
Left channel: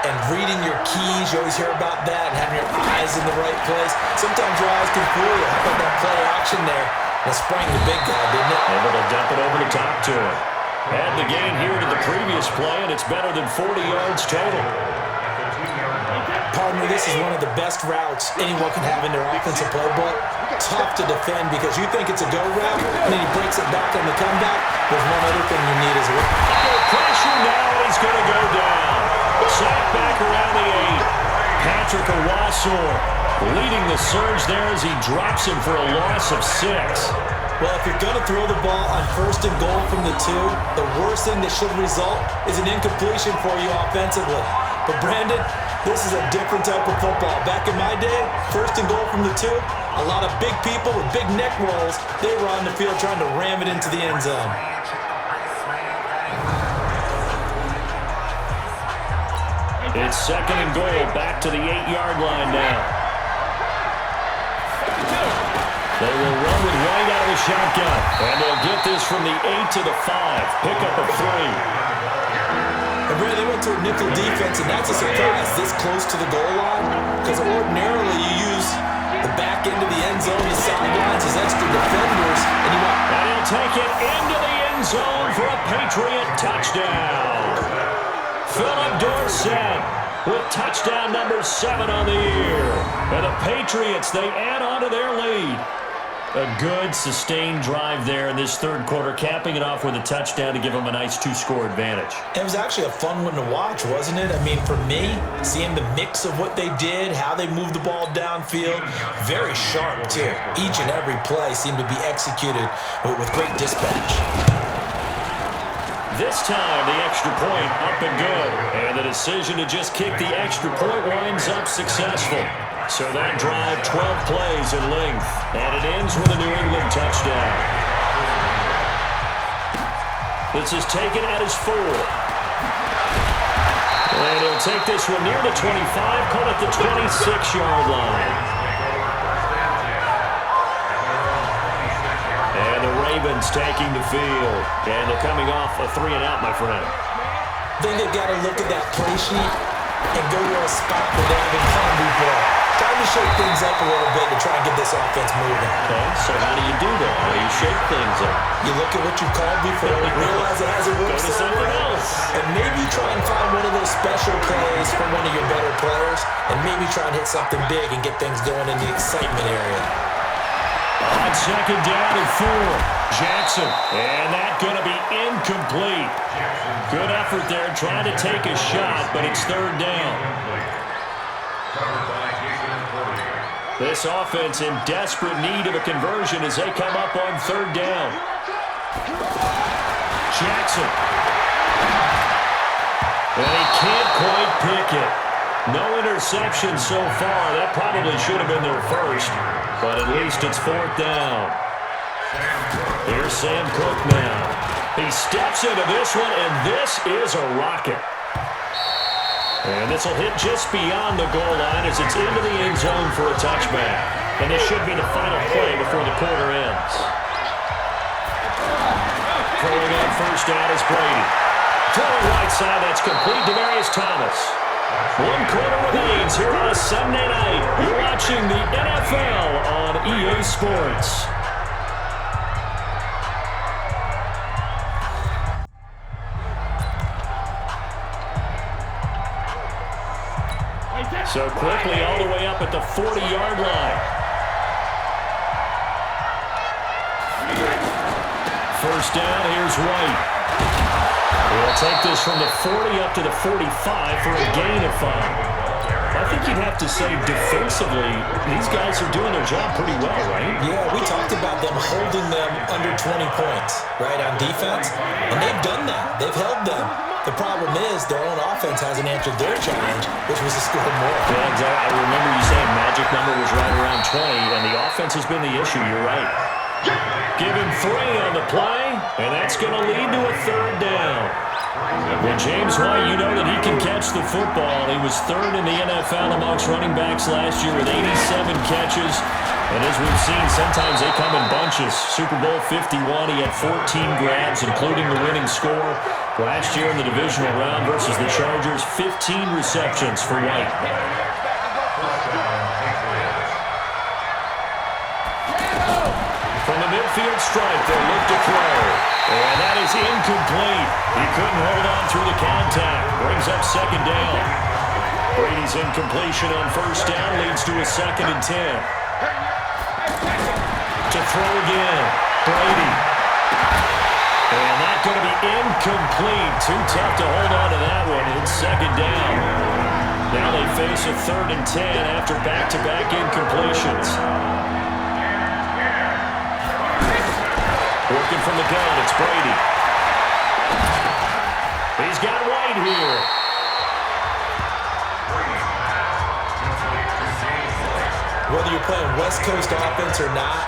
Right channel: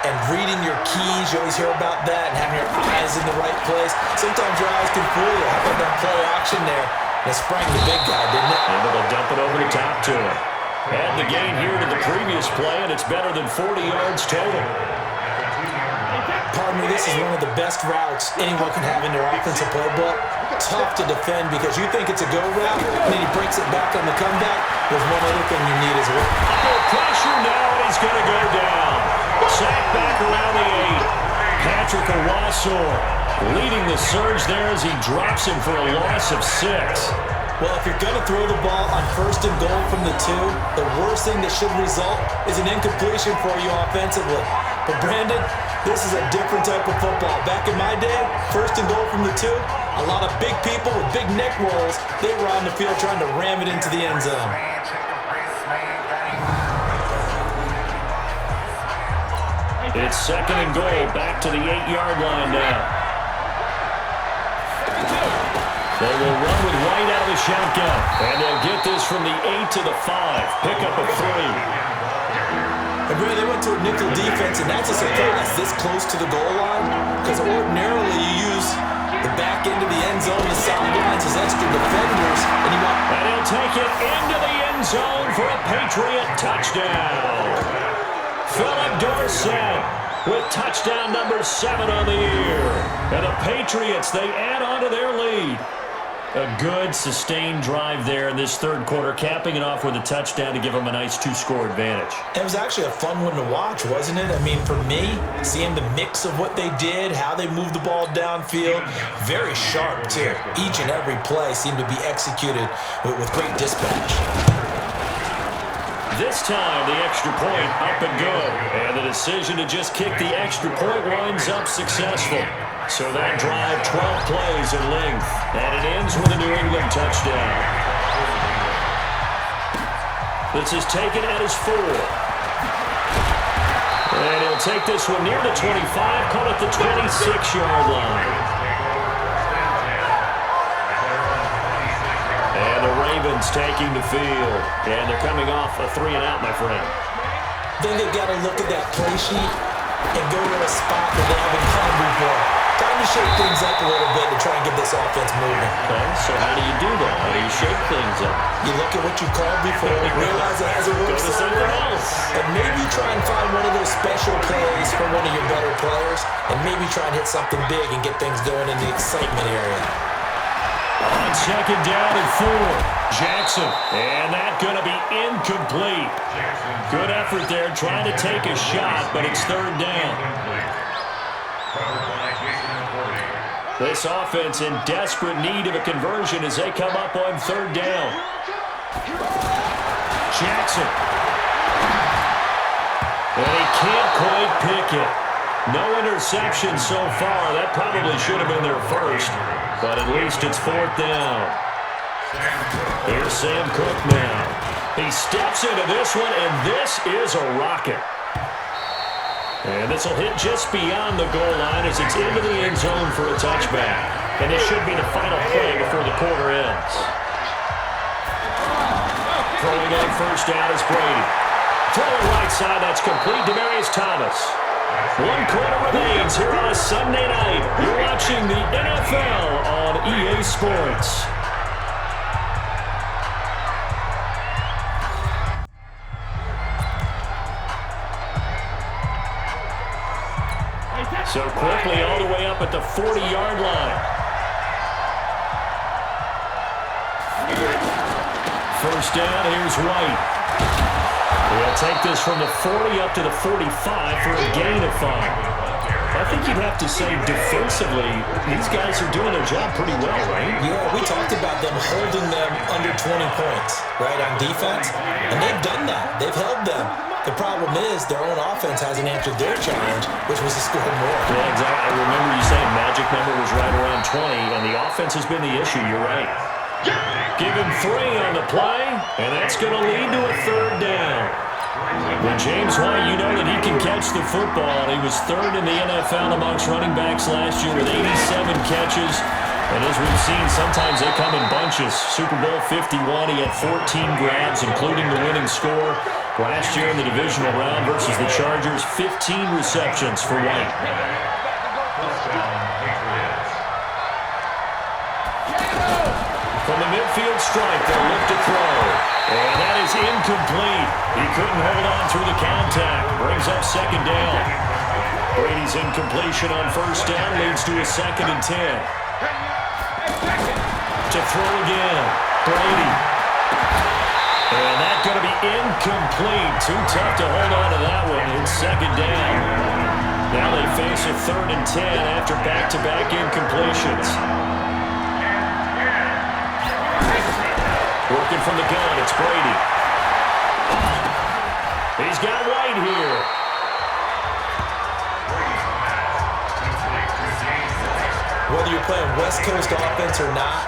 And reading your keys, you always hear about that, and having your eyes in the right place. Sometimes your eyes can fool you. How about that play action there? That sprang the big guy, didn't it? Able to dump it over the top to him. Add the gain here to the previous play, and it's better than 40 yards total. Partner, this is one of the best routes anyone can have in their offensive playbook. Tough to defend because you think it's a go route, and then he breaks it back on the comeback. There's one other thing you need as well. Under pressure now, and he's going to go down. Sack back around the 8. Patrick Owasor leading the surge there as he drops him for a loss of 6. Well, if you're going to throw the ball on 1st and goal from the 2, the worst thing that should result is an incompletion for you offensively. But Brandon, this is a different type of football. Back in my day, 1st and goal from the 2, a lot of big people with big neck rolls, they were on the field trying to ram it into the end zone. It's 2nd and goal, back to the 8-yard line now. They will run with White out of the shotgun, and they'll get this from the 8 to the 5. Pickup of 3. And Brad, they went to a nickel defense, and that's a surprise this close to the goal line, because ordinarily you use the back end of the end zone, the sidelines, his extra defenders, and you want... And he'll take it into the end zone for a Patriot touchdown. Philip Dorsett with touchdown number 7 on the year. And the Patriots, they add on to their lead. A good, sustained drive there in this third quarter, capping it off with a touchdown to give them a nice 2-score advantage. It was actually a fun one to watch, wasn't it? I mean, for me, seeing the mix of what they did, how they moved the ball downfield, very sharp, too. Each and every play seemed to be executed with great dispatch. This time, the extra point up and good. And the decision to just kick the extra point winds up successful. So that drive, 12 plays in length. And it ends with a New England touchdown. This is taken at his 4. And he'll take this one near the 25, call it the 26-yard line. And the Ravens taking the field. And they're coming off a 3-and-out, my friend. I think they've got to look at that play sheet and go to a spot that they haven't gone before. Time to shake things up a little bit to try and get this offense moving. Okay, so how do you do that? How do you shake things up? You look at what you called before, realize it hasn't worked Go to something else. And maybe try and find one of those special plays from one of your better players, and maybe try and hit something big and get things going in the excitement area. On second down and 4, Jackson. And that going to be incomplete. Good effort there, trying to take a shot, but it's third down. This offense in desperate need of a conversion as they come up on third down. Jackson. And he can't quite pick it. No interception so far. That probably should have been their first, but at least it's fourth down. Here's Sam Cook now. He steps into this one, and this is a rocket. And this will hit just beyond the goal line as it's into the end zone for a touchback. And this should be the final play before the quarter ends. Throwing on first down is Brady. Throwing right side, that's complete. Demaryius Thomas. 1 quarter remains here on a Sunday night. You're watching the NFL on EA Sports. So quickly all the way up at the 40-yard line. First down, here's White. He'll take this from the 40 up to the 45 for a gain of 5. I think you'd have to say defensively, these guys are doing their job pretty well, right? Yeah, we talked about them holding them under 20 points, right, on defense. And they've done that. They've held them. The problem is their own offense hasn't answered their challenge, which was to score more. Yeah, exactly. I remember you saying magic number was right around 20, and the offense has been the issue. You're right. Give him 3 on the play, and that's going to lead to a third down. When James White, you know that he can catch the football. He was third in the NFL amongst running backs last year with 87 catches. And as we've seen, sometimes they come in bunches. Super Bowl 51, he had 14 grabs, including the winning score. Last year in the divisional round versus the Chargers, 15 receptions for White. From the midfield stripe, they'll look to throw. And that is incomplete. He couldn't hold on through the contact. Brings up second down. Brady's incompletion on first down leads to a 2nd and 10. To throw again, Brady. And that's going to be incomplete. Too tough to hold on to that one. It's second down. Now they face a 3rd and 10 after back-to-back incompletions. Working from the gun, it's Brady. He's got White here. Whether you're playing West Coast offense or not,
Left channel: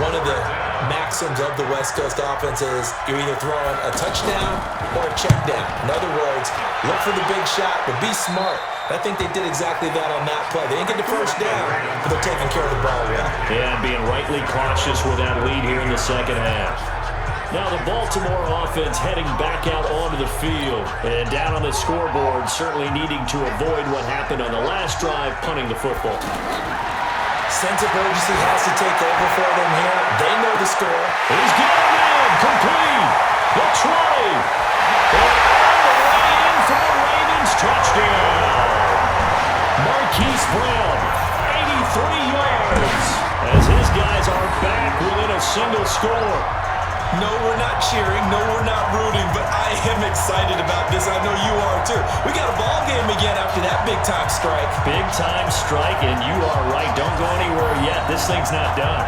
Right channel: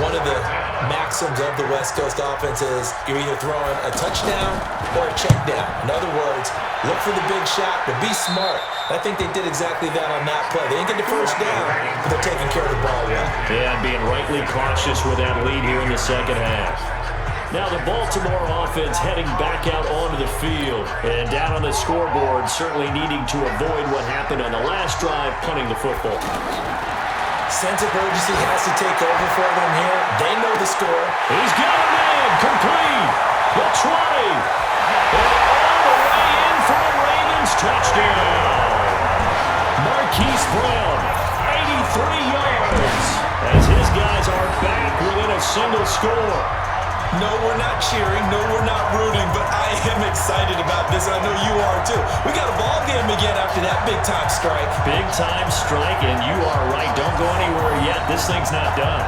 one of the maxims of the West Coast offense is you're either throwing a touchdown or a check down. In other words, look for the big shot, but be smart. I think they did exactly that on that play. They didn't get the first down, but they're taking care of the ball well. Yeah, being rightly cautious with that lead here in the second half. Now the Baltimore offense heading back out onto the field. And down on the scoreboard, certainly needing to avoid what happened on the last drive, punting the football. Sense of urgency has to take over for them here. They know the score. He's got him in. Complete. The 20. And all the way in for the Ravens touchdown. Marquise Brown, 83 yards. As his guys are back within a single score. No, we're not cheering. No, we're not rooting. But I am excited about this. I know you are too. We got a ball game again after that big-time strike. Big-time strike, and you are right. Don't go anywhere yet. This thing's not done.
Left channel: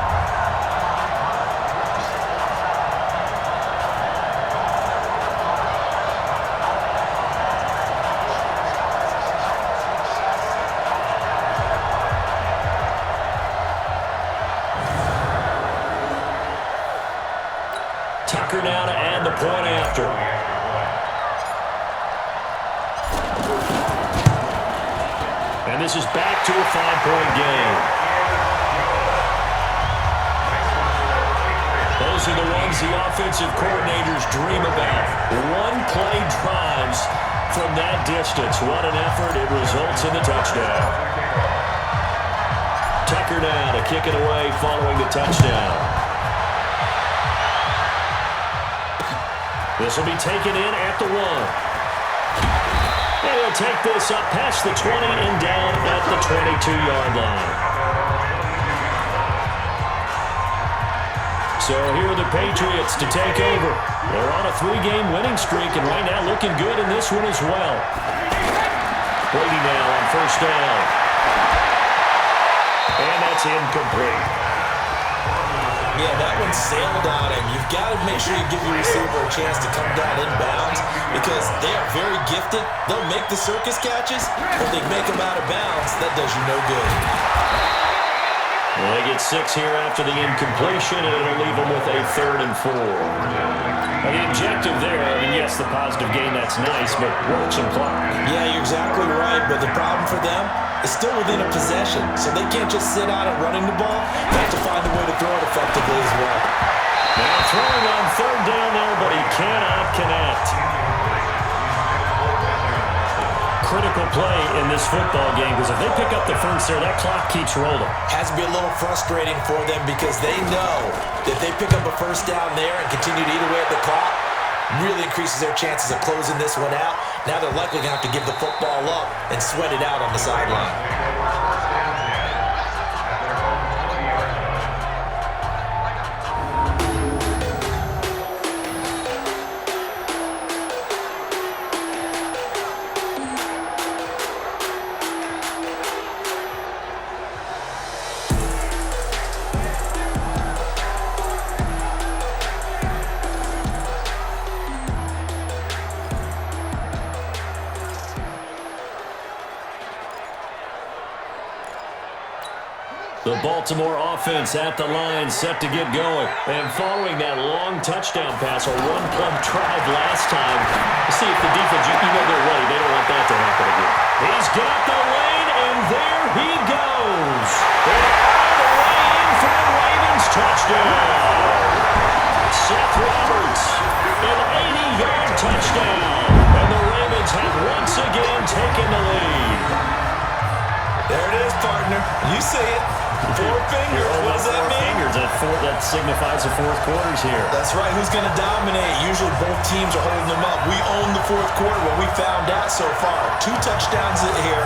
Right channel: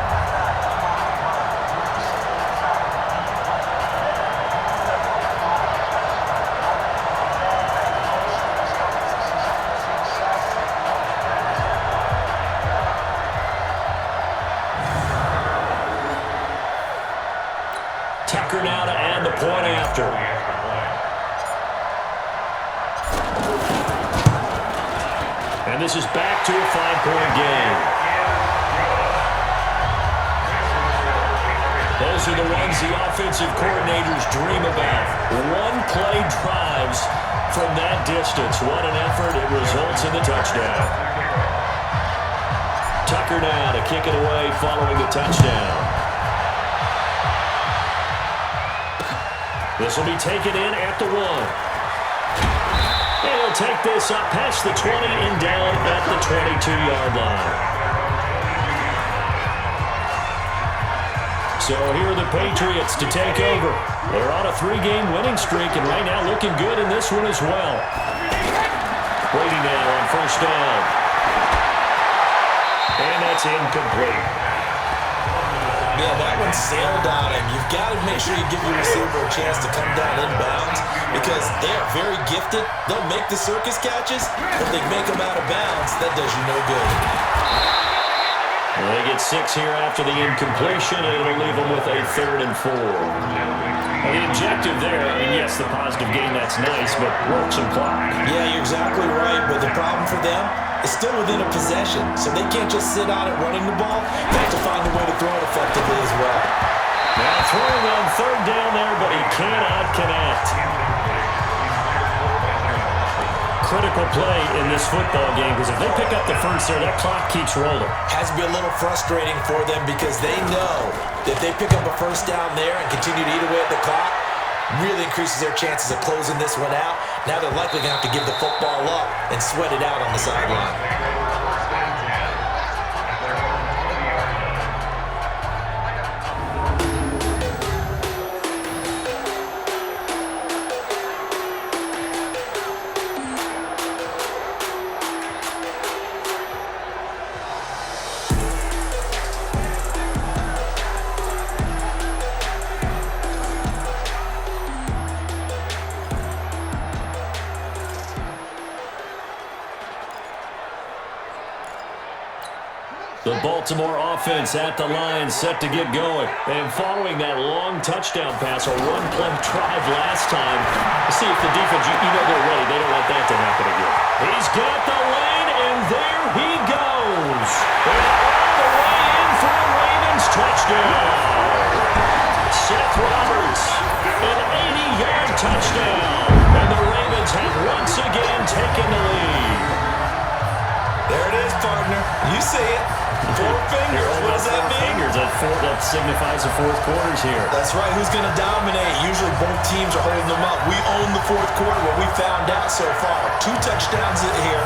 Tucker now to add the point after. And this is back to a 5-point game. Those are the ones the offensive coordinators dream about. One-play drives from that distance. What an effort. It results in the touchdown. Tucker now to kick it away following the touchdown. This will be taken in at the 1. And he'll take this up past the 20 and down at the 22-yard line. So here are the Patriots to take over. They're on a 3-game winning streak, and right now looking good in this one as well. Brady now on first down. And that's incomplete. Yeah, that one sailed on him. You've got to make sure you give your receiver a chance to come down inbounds because they are very gifted. They'll make the circus catches, but if they make them out of bounds, that does you no good. Well, they get 6 here after the incompletion, and it'll leave them with a 3rd and 4. Now, the objective there, I mean, yes, the positive gain, that's nice, but work some clock. Yeah, you're exactly right, but the problem for them is still within a possession, so they can't just sit on it running the ball. They have to find a way to throw it effectively as well. Now throwing on 3rd down there, but he cannot connect. Critical play in this football game because if they pick up the first there, that clock keeps rolling. Has to be a little frustrating for them because they know that if they pick up a first down there and continue to eat away at the clock, really increases their chances of closing this one out. Now they're likely going to have to give the football up and sweat it out on the sideline. The Baltimore offense at the line, set to get going. And following that long touchdown pass, a one-play drive last time. See if the defense, you know they're ready. They don't want that to happen again. He's got the lane, and there he goes. And all the way in for the Ravens touchdown. Seth Roberts, an 80-yard touchdown. And the Ravens have once again taken the lead. There it is, partner. You see it. 4 fingers. What does that mean? 4 fingers. That signifies the fourth quarter's here. That's right. Who's going to dominate? Usually both teams are holding them up. We own the fourth quarter, what we found out so far. 2 touchdowns here,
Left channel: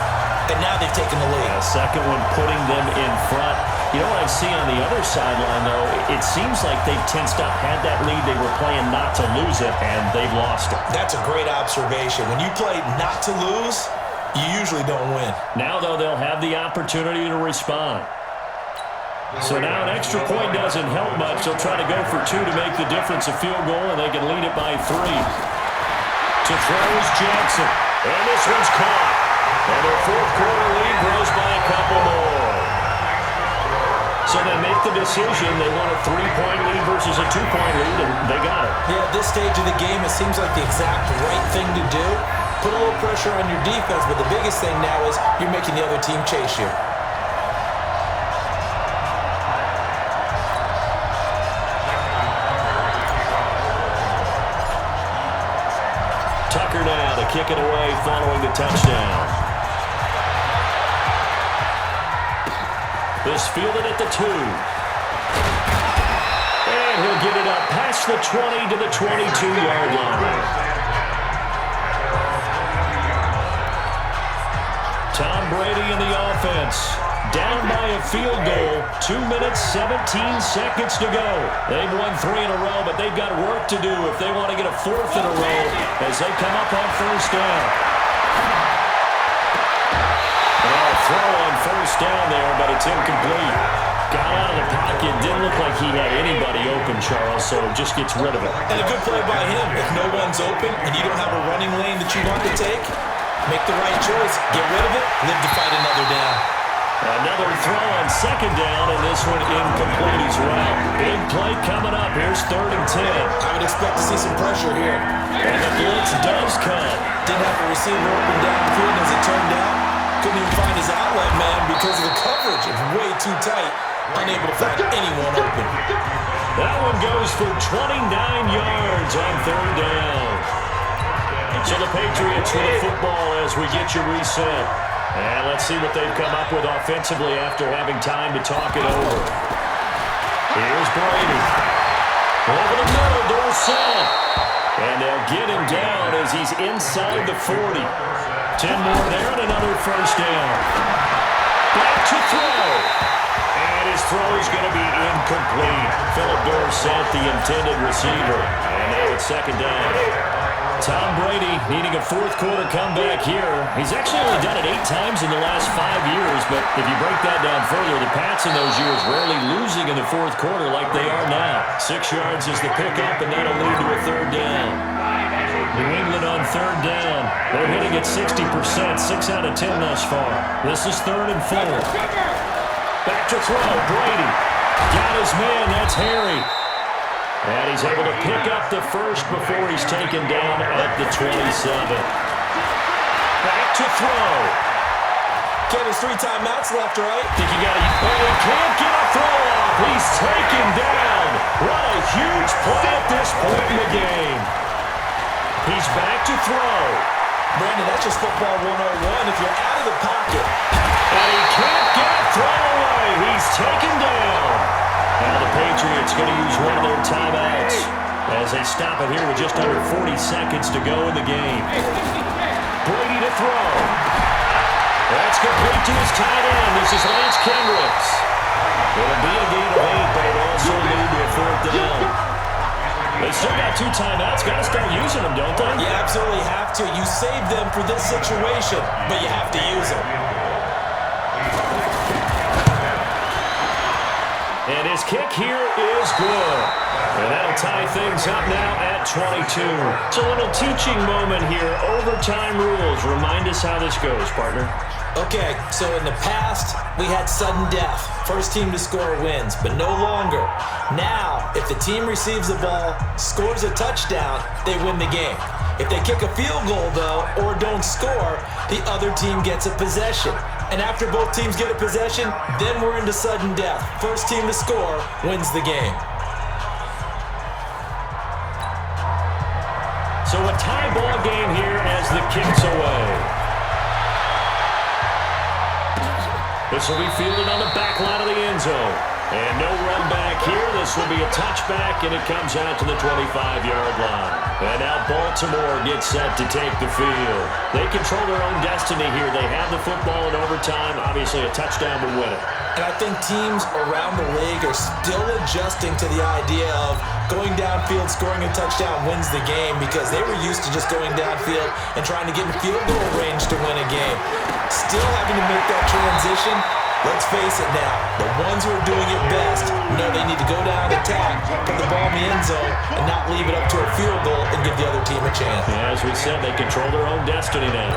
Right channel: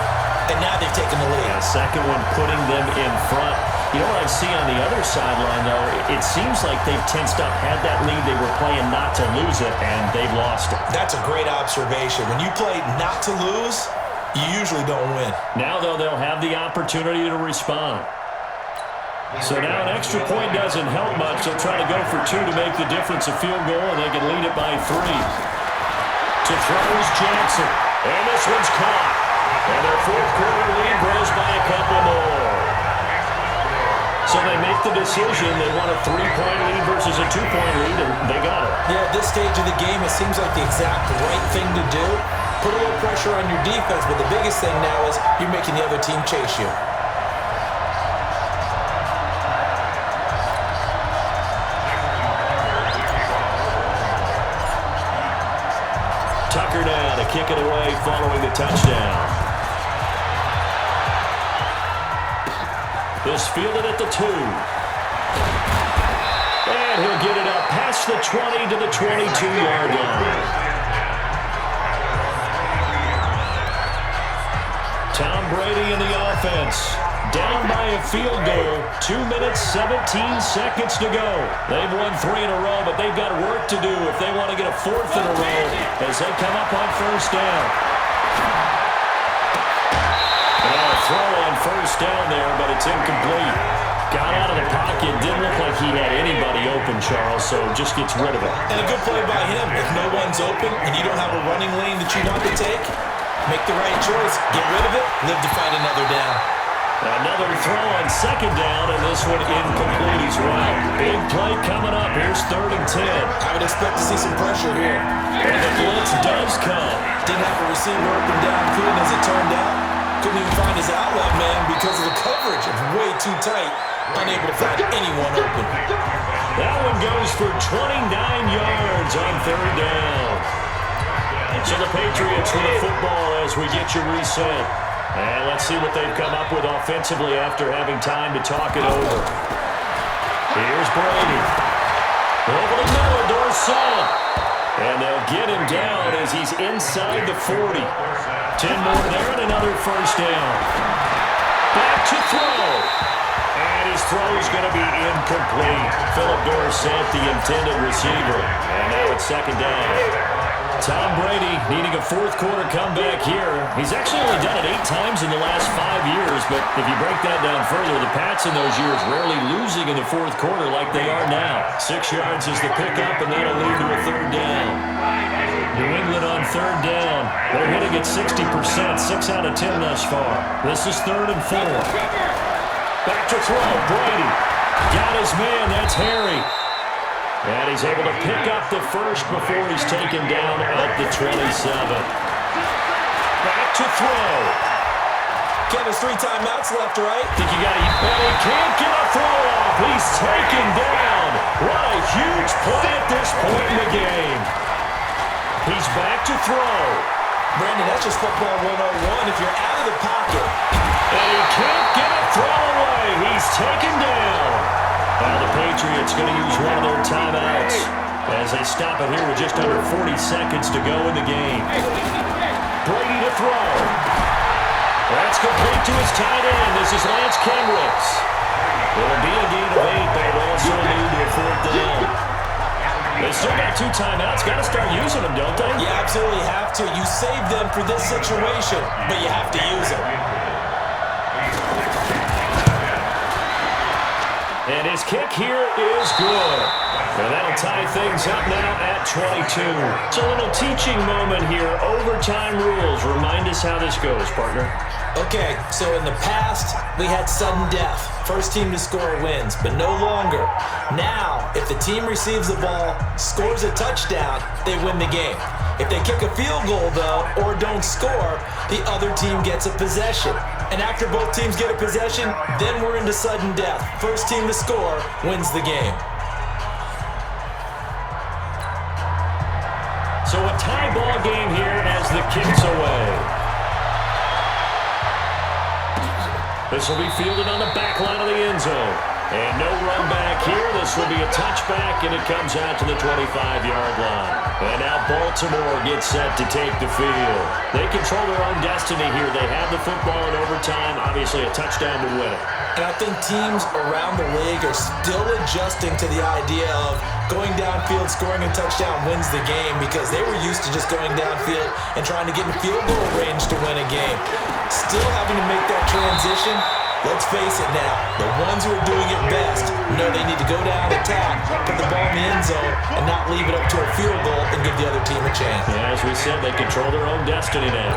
and now they've taken the lead. Yeah, second one putting them in front. You know what I see on the other sideline, though? It seems like they've tensed up, had that lead. They were playing not to lose it, and they've lost it. That's a great observation. When you play not to lose, you usually don't win. Now, though, they'll have the opportunity to respond. So now an extra point doesn't help much. They'll try to go for 2 to make the difference a field goal, and they can lead it by 3. To throw is Jackson. And this one's caught. And their fourth quarter lead grows by a couple more. So they make the decision. They want a 3-point lead versus a 2-point lead, and they got it. Yeah, at this stage of the game, it seems like the exact right thing to do. Put a little pressure on your defense, but the biggest thing now is you're making the other team chase you. Tucker now to kick it away following the touchdown. This fielded at the 2. And he'll get it up past the 20 to the 22-yard line. Tom Brady in the offense. Down by a field goal. 2 minutes, 17 seconds to go. They've won 3 in a row, but they've got work to do if they want to get a 4th in a row as they come up on first down. Now a throw on first down there, but it's incomplete. Got out of the pocket. Didn't look like he had anybody open, Charles, so just gets rid of it. And a good play by him. If no one's open and you don't have a running lane that you want to take, make the right choice. Get rid of it. Live to fight another down. Another throw on second down, and this one incomplete as well. Big play coming up. Here's 3rd and 10. I would expect to see some pressure here. And the blitz does come. Didn't have a receiver open downfield as it turned out. Couldn't even find his outlet man because of the coverage. It's way too tight. Unable to find anyone open. That one goes for 29 yards on 3rd down. So the Patriots with a football as we get you reset. And let's see what they've come up with offensively after having time to talk it over. Here's Brady. Over the middle, Dorsett. And they'll get him down as he's inside the 40. 10 more there and another first down. Back to throw. And his throw is going to be incomplete. Philip Dorsett, the intended receiver. And now it's 2nd down. Tom Brady needing a 4th quarter comeback here. He's actually only done it 8 times in the last 5 years, but if you break that down further, the Pats in those years rarely losing in the 4th quarter like they are now. 6 yards is the pickup, and that'll lead to a 3rd down. New England on 3rd down. They're hitting at 60%, 6 out of 10 thus far. This is 3rd and 4. Back to throw, Brady. Got his man, that's Harry. And he's able to pick up the first before he's taken down at the 27. Back to throw. Ken, there's 3 timeouts left, right? Think you got to... And he can't get a throw off. He's taken down. What a huge play at this point in the game. He's back to throw. Brandon, that's just football 101. If you're out of the pocket. And he can't get a throw away. He's taken down. Now the Patriots going to use one of their timeouts as they stop it here with just under 40 seconds to go in the game. Brady to throw. That's complete to his tight end. This is Lance Kendricks. It'll be a gain of 8, but it'll also lead to a 4th down. They still got 2 timeouts. Got to start using them, don't they? You absolutely have to. You save them for this situation, but you have to use them. And his kick here is good. And that'll tie things up now at 22. It's a little teaching moment here. Overtime rules. Remind us how this goes, partner. Okay, so in the past, we had sudden death. First team to score wins, but no longer. Now, if the team receives the ball, scores a touchdown, they win the game. If they kick a field goal, though, or don't score, the other team gets a possession. And after both teams get a possession, then we're into sudden death. First team to score wins the game. So a tie ball game here as the kick's away. This will be fielded on the back line of the end zone. And no run back here. This will be a touchback, and it comes out to the 25-yard line. And now Baltimore gets set to take the field. They control their own destiny here. They have the football in overtime. Obviously, a touchdown would win it. And I think teams around the league are still adjusting to the idea of going downfield, scoring a touchdown wins the game, because they were used to just going downfield and trying to get in field goal range to win a game. Still having to make that transition. Let's face it now, the ones who are doing it best know they need to go down, attack, put the ball in the end zone, and not leave it up to a field goal and give the other team a chance. Yeah, as we said, they control their own destiny now.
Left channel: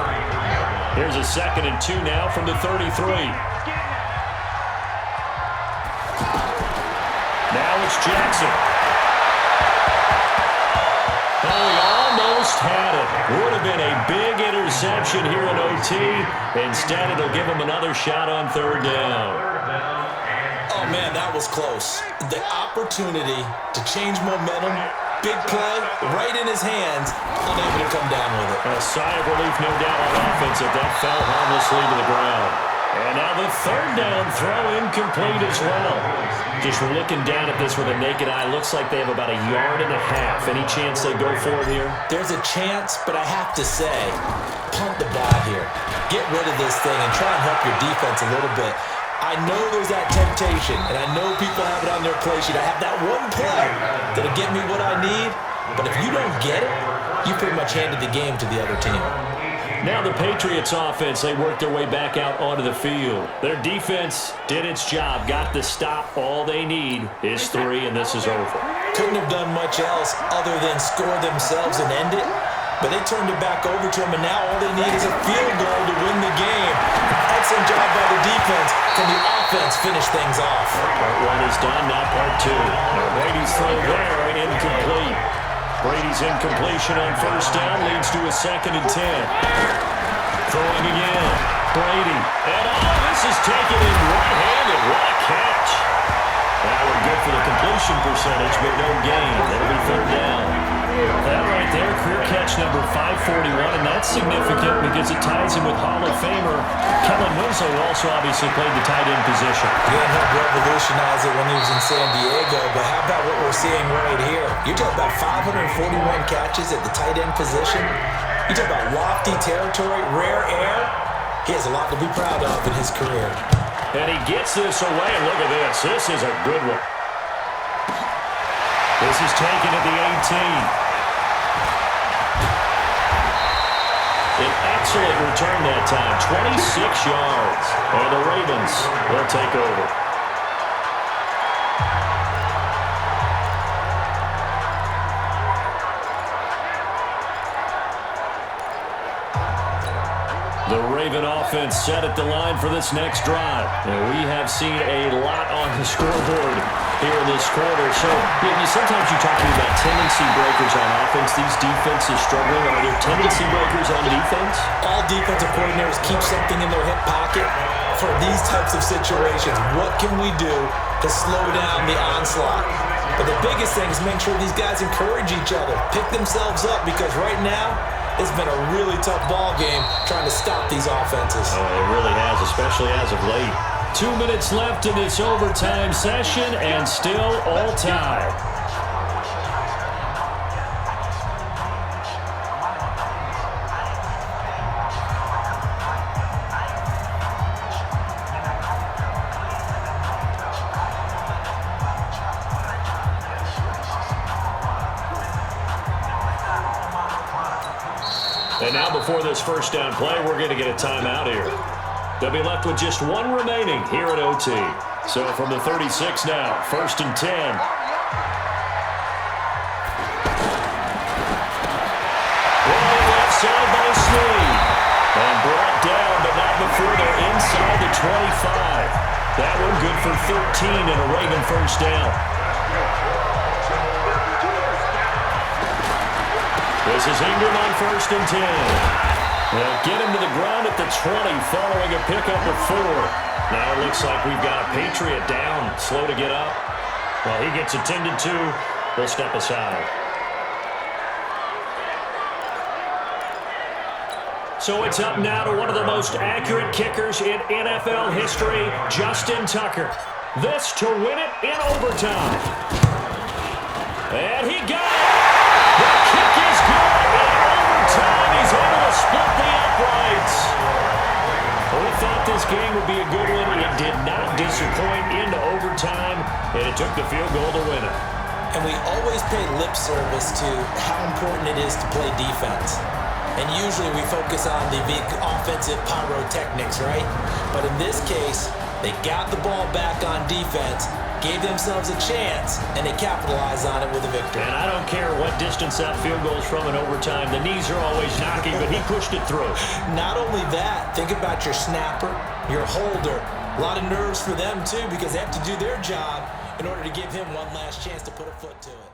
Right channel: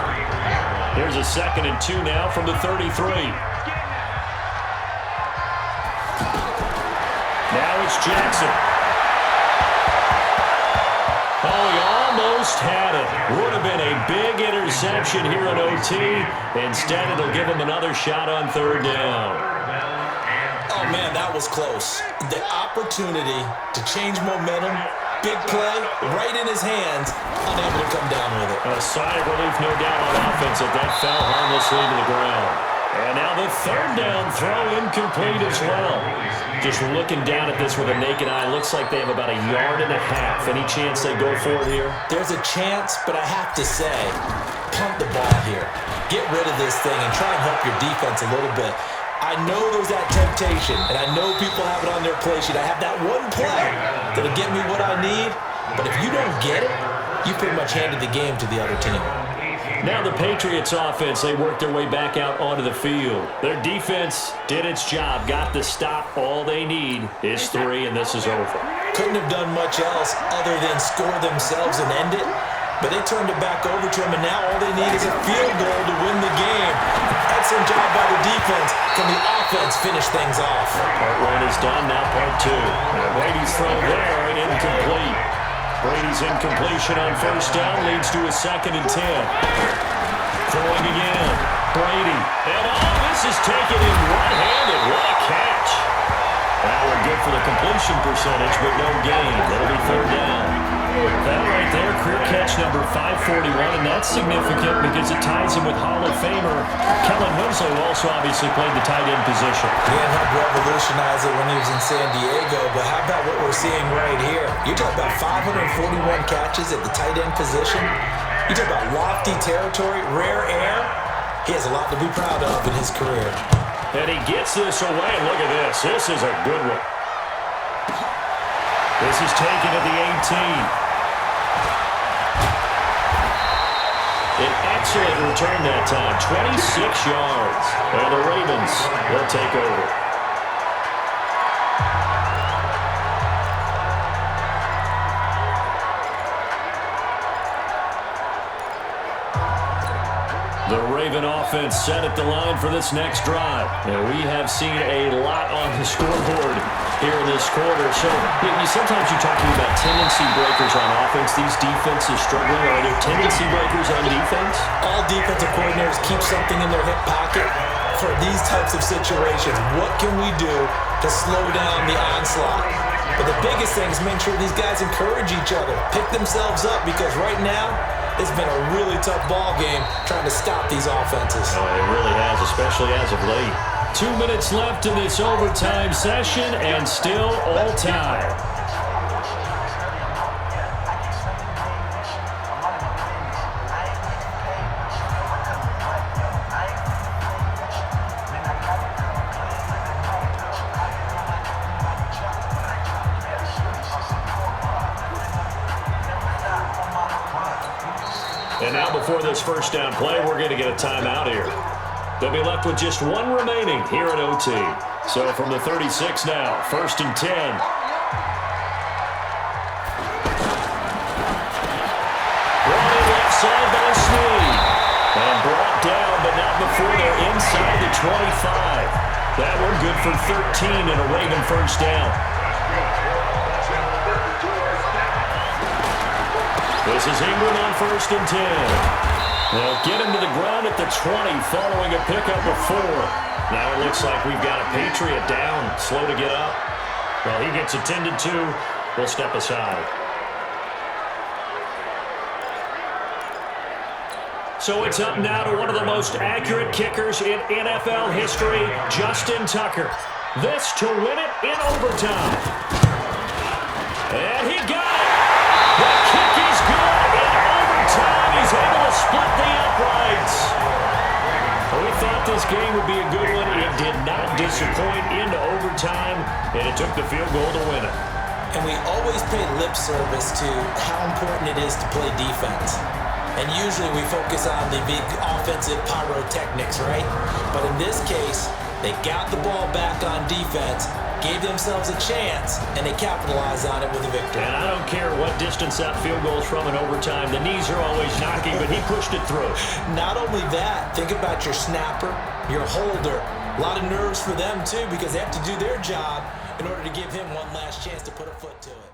Here's a 2nd and 2 now from the 33. Now it's Jackson. Oh, he almost had it. Would have been a big interception here in OT. Instead, it'll give him another shot on 3rd down. Oh, man, that was close. The opportunity to change momentum, big play, right in his hands, unable to come down with it. A sigh of relief, no doubt, on offense if that fell harmlessly to the ground. And now the third down throw incomplete as well. Just looking down at this with a naked eye, looks like they have about 1.5 yards. Any chance they go for it here? There's a chance, but I have to say, punt the ball here. Get rid of this thing and try and help your defense a little bit. I know there's that temptation, and I know people have it on their play sheet. I have that one play that'll get me what I need, but if you don't get it, you pretty much handed the game to the other team. Now the Patriots offense, they worked their way back out onto the field. Their defense did its job, got the stop. All they need is 3, and this is over. Couldn't have done much else other than score themselves and end it, but they turned it back over to them, and now all they need is a field goal to win the game. Excellent job by the defense. Can the offense finish things off? Part 1 is done, now part 2. And Brady's throw there, incomplete. Brady's incompletion on first down leads to a 2nd and 10. Throwing again. Brady. And this is taken in one-handed. What a catch. That one good for the completion percentage, but no gain. It'll be 3rd down. That right there, career catch number 541, and that's significant because it ties him with Hall of Famer Kellen Winslow, who also obviously played the tight end position. He had helped revolutionize it when he was in San Diego, but how about what we're seeing right here? You're talking about 541 catches at the tight end position. You talk about lofty territory, rare air. He has a lot to be proud of in his career. And he gets this away, and look at this. This is a good one. This is taken at the 18. An excellent return that time, 26 yards. And the Ravens, they'll take over. The Raven offense set at the line for this next drive. And we have seen a lot on the scoreboard here in this quarter. So sometimes you're talking about tendency breakers on offense. These defenses struggling. Are there tendency breakers on defense? All defensive coordinators keep something in their hip pocket for these types of situations. What can we do to slow down the onslaught? But the biggest thing is make sure these guys encourage each other, pick themselves up, because right now, it's been a really tough ball game trying to stop these offenses. Oh, it really has, especially as of late. 2 minutes left in this overtime session, and still all tied. And now before this first down play, we're going to get a timeout here. They'll be left with just 1 remaining here at OT. So from the 36 now, 1st and 10. Brought in left side by Snead. And brought down, but not before they're inside the 25. That one good for 13 and a Raven first down. This is Ingram on 1st and 10. They'll get him to the ground at the 20 following a pickup of 4. Now it looks like we've got a Patriot down, slow to get up. Well, he gets attended to. We'll step aside. So it's up now to one of the most accurate kickers in NFL history, Justin Tucker. This to win it in overtime. And he got it. The kick is good in overtime. He's able to split the uprights. Well, we thought this game would be a good one. It did not disappoint into overtime, and it took the field goal to win it. And we always pay lip service to how important it is to play defense. And usually we focus on the big offensive pyrotechnics, right? But in this case, they got the ball back on defense, gave themselves a chance, and they capitalized on it with a victory. And I don't care what distance that field goes from in overtime. The knees are always knocking, but he pushed it through. Not only that, think about your snapper, your holder. A lot of nerves for them, too, because they have to do their job in order to give him one last chance to put a foot to it.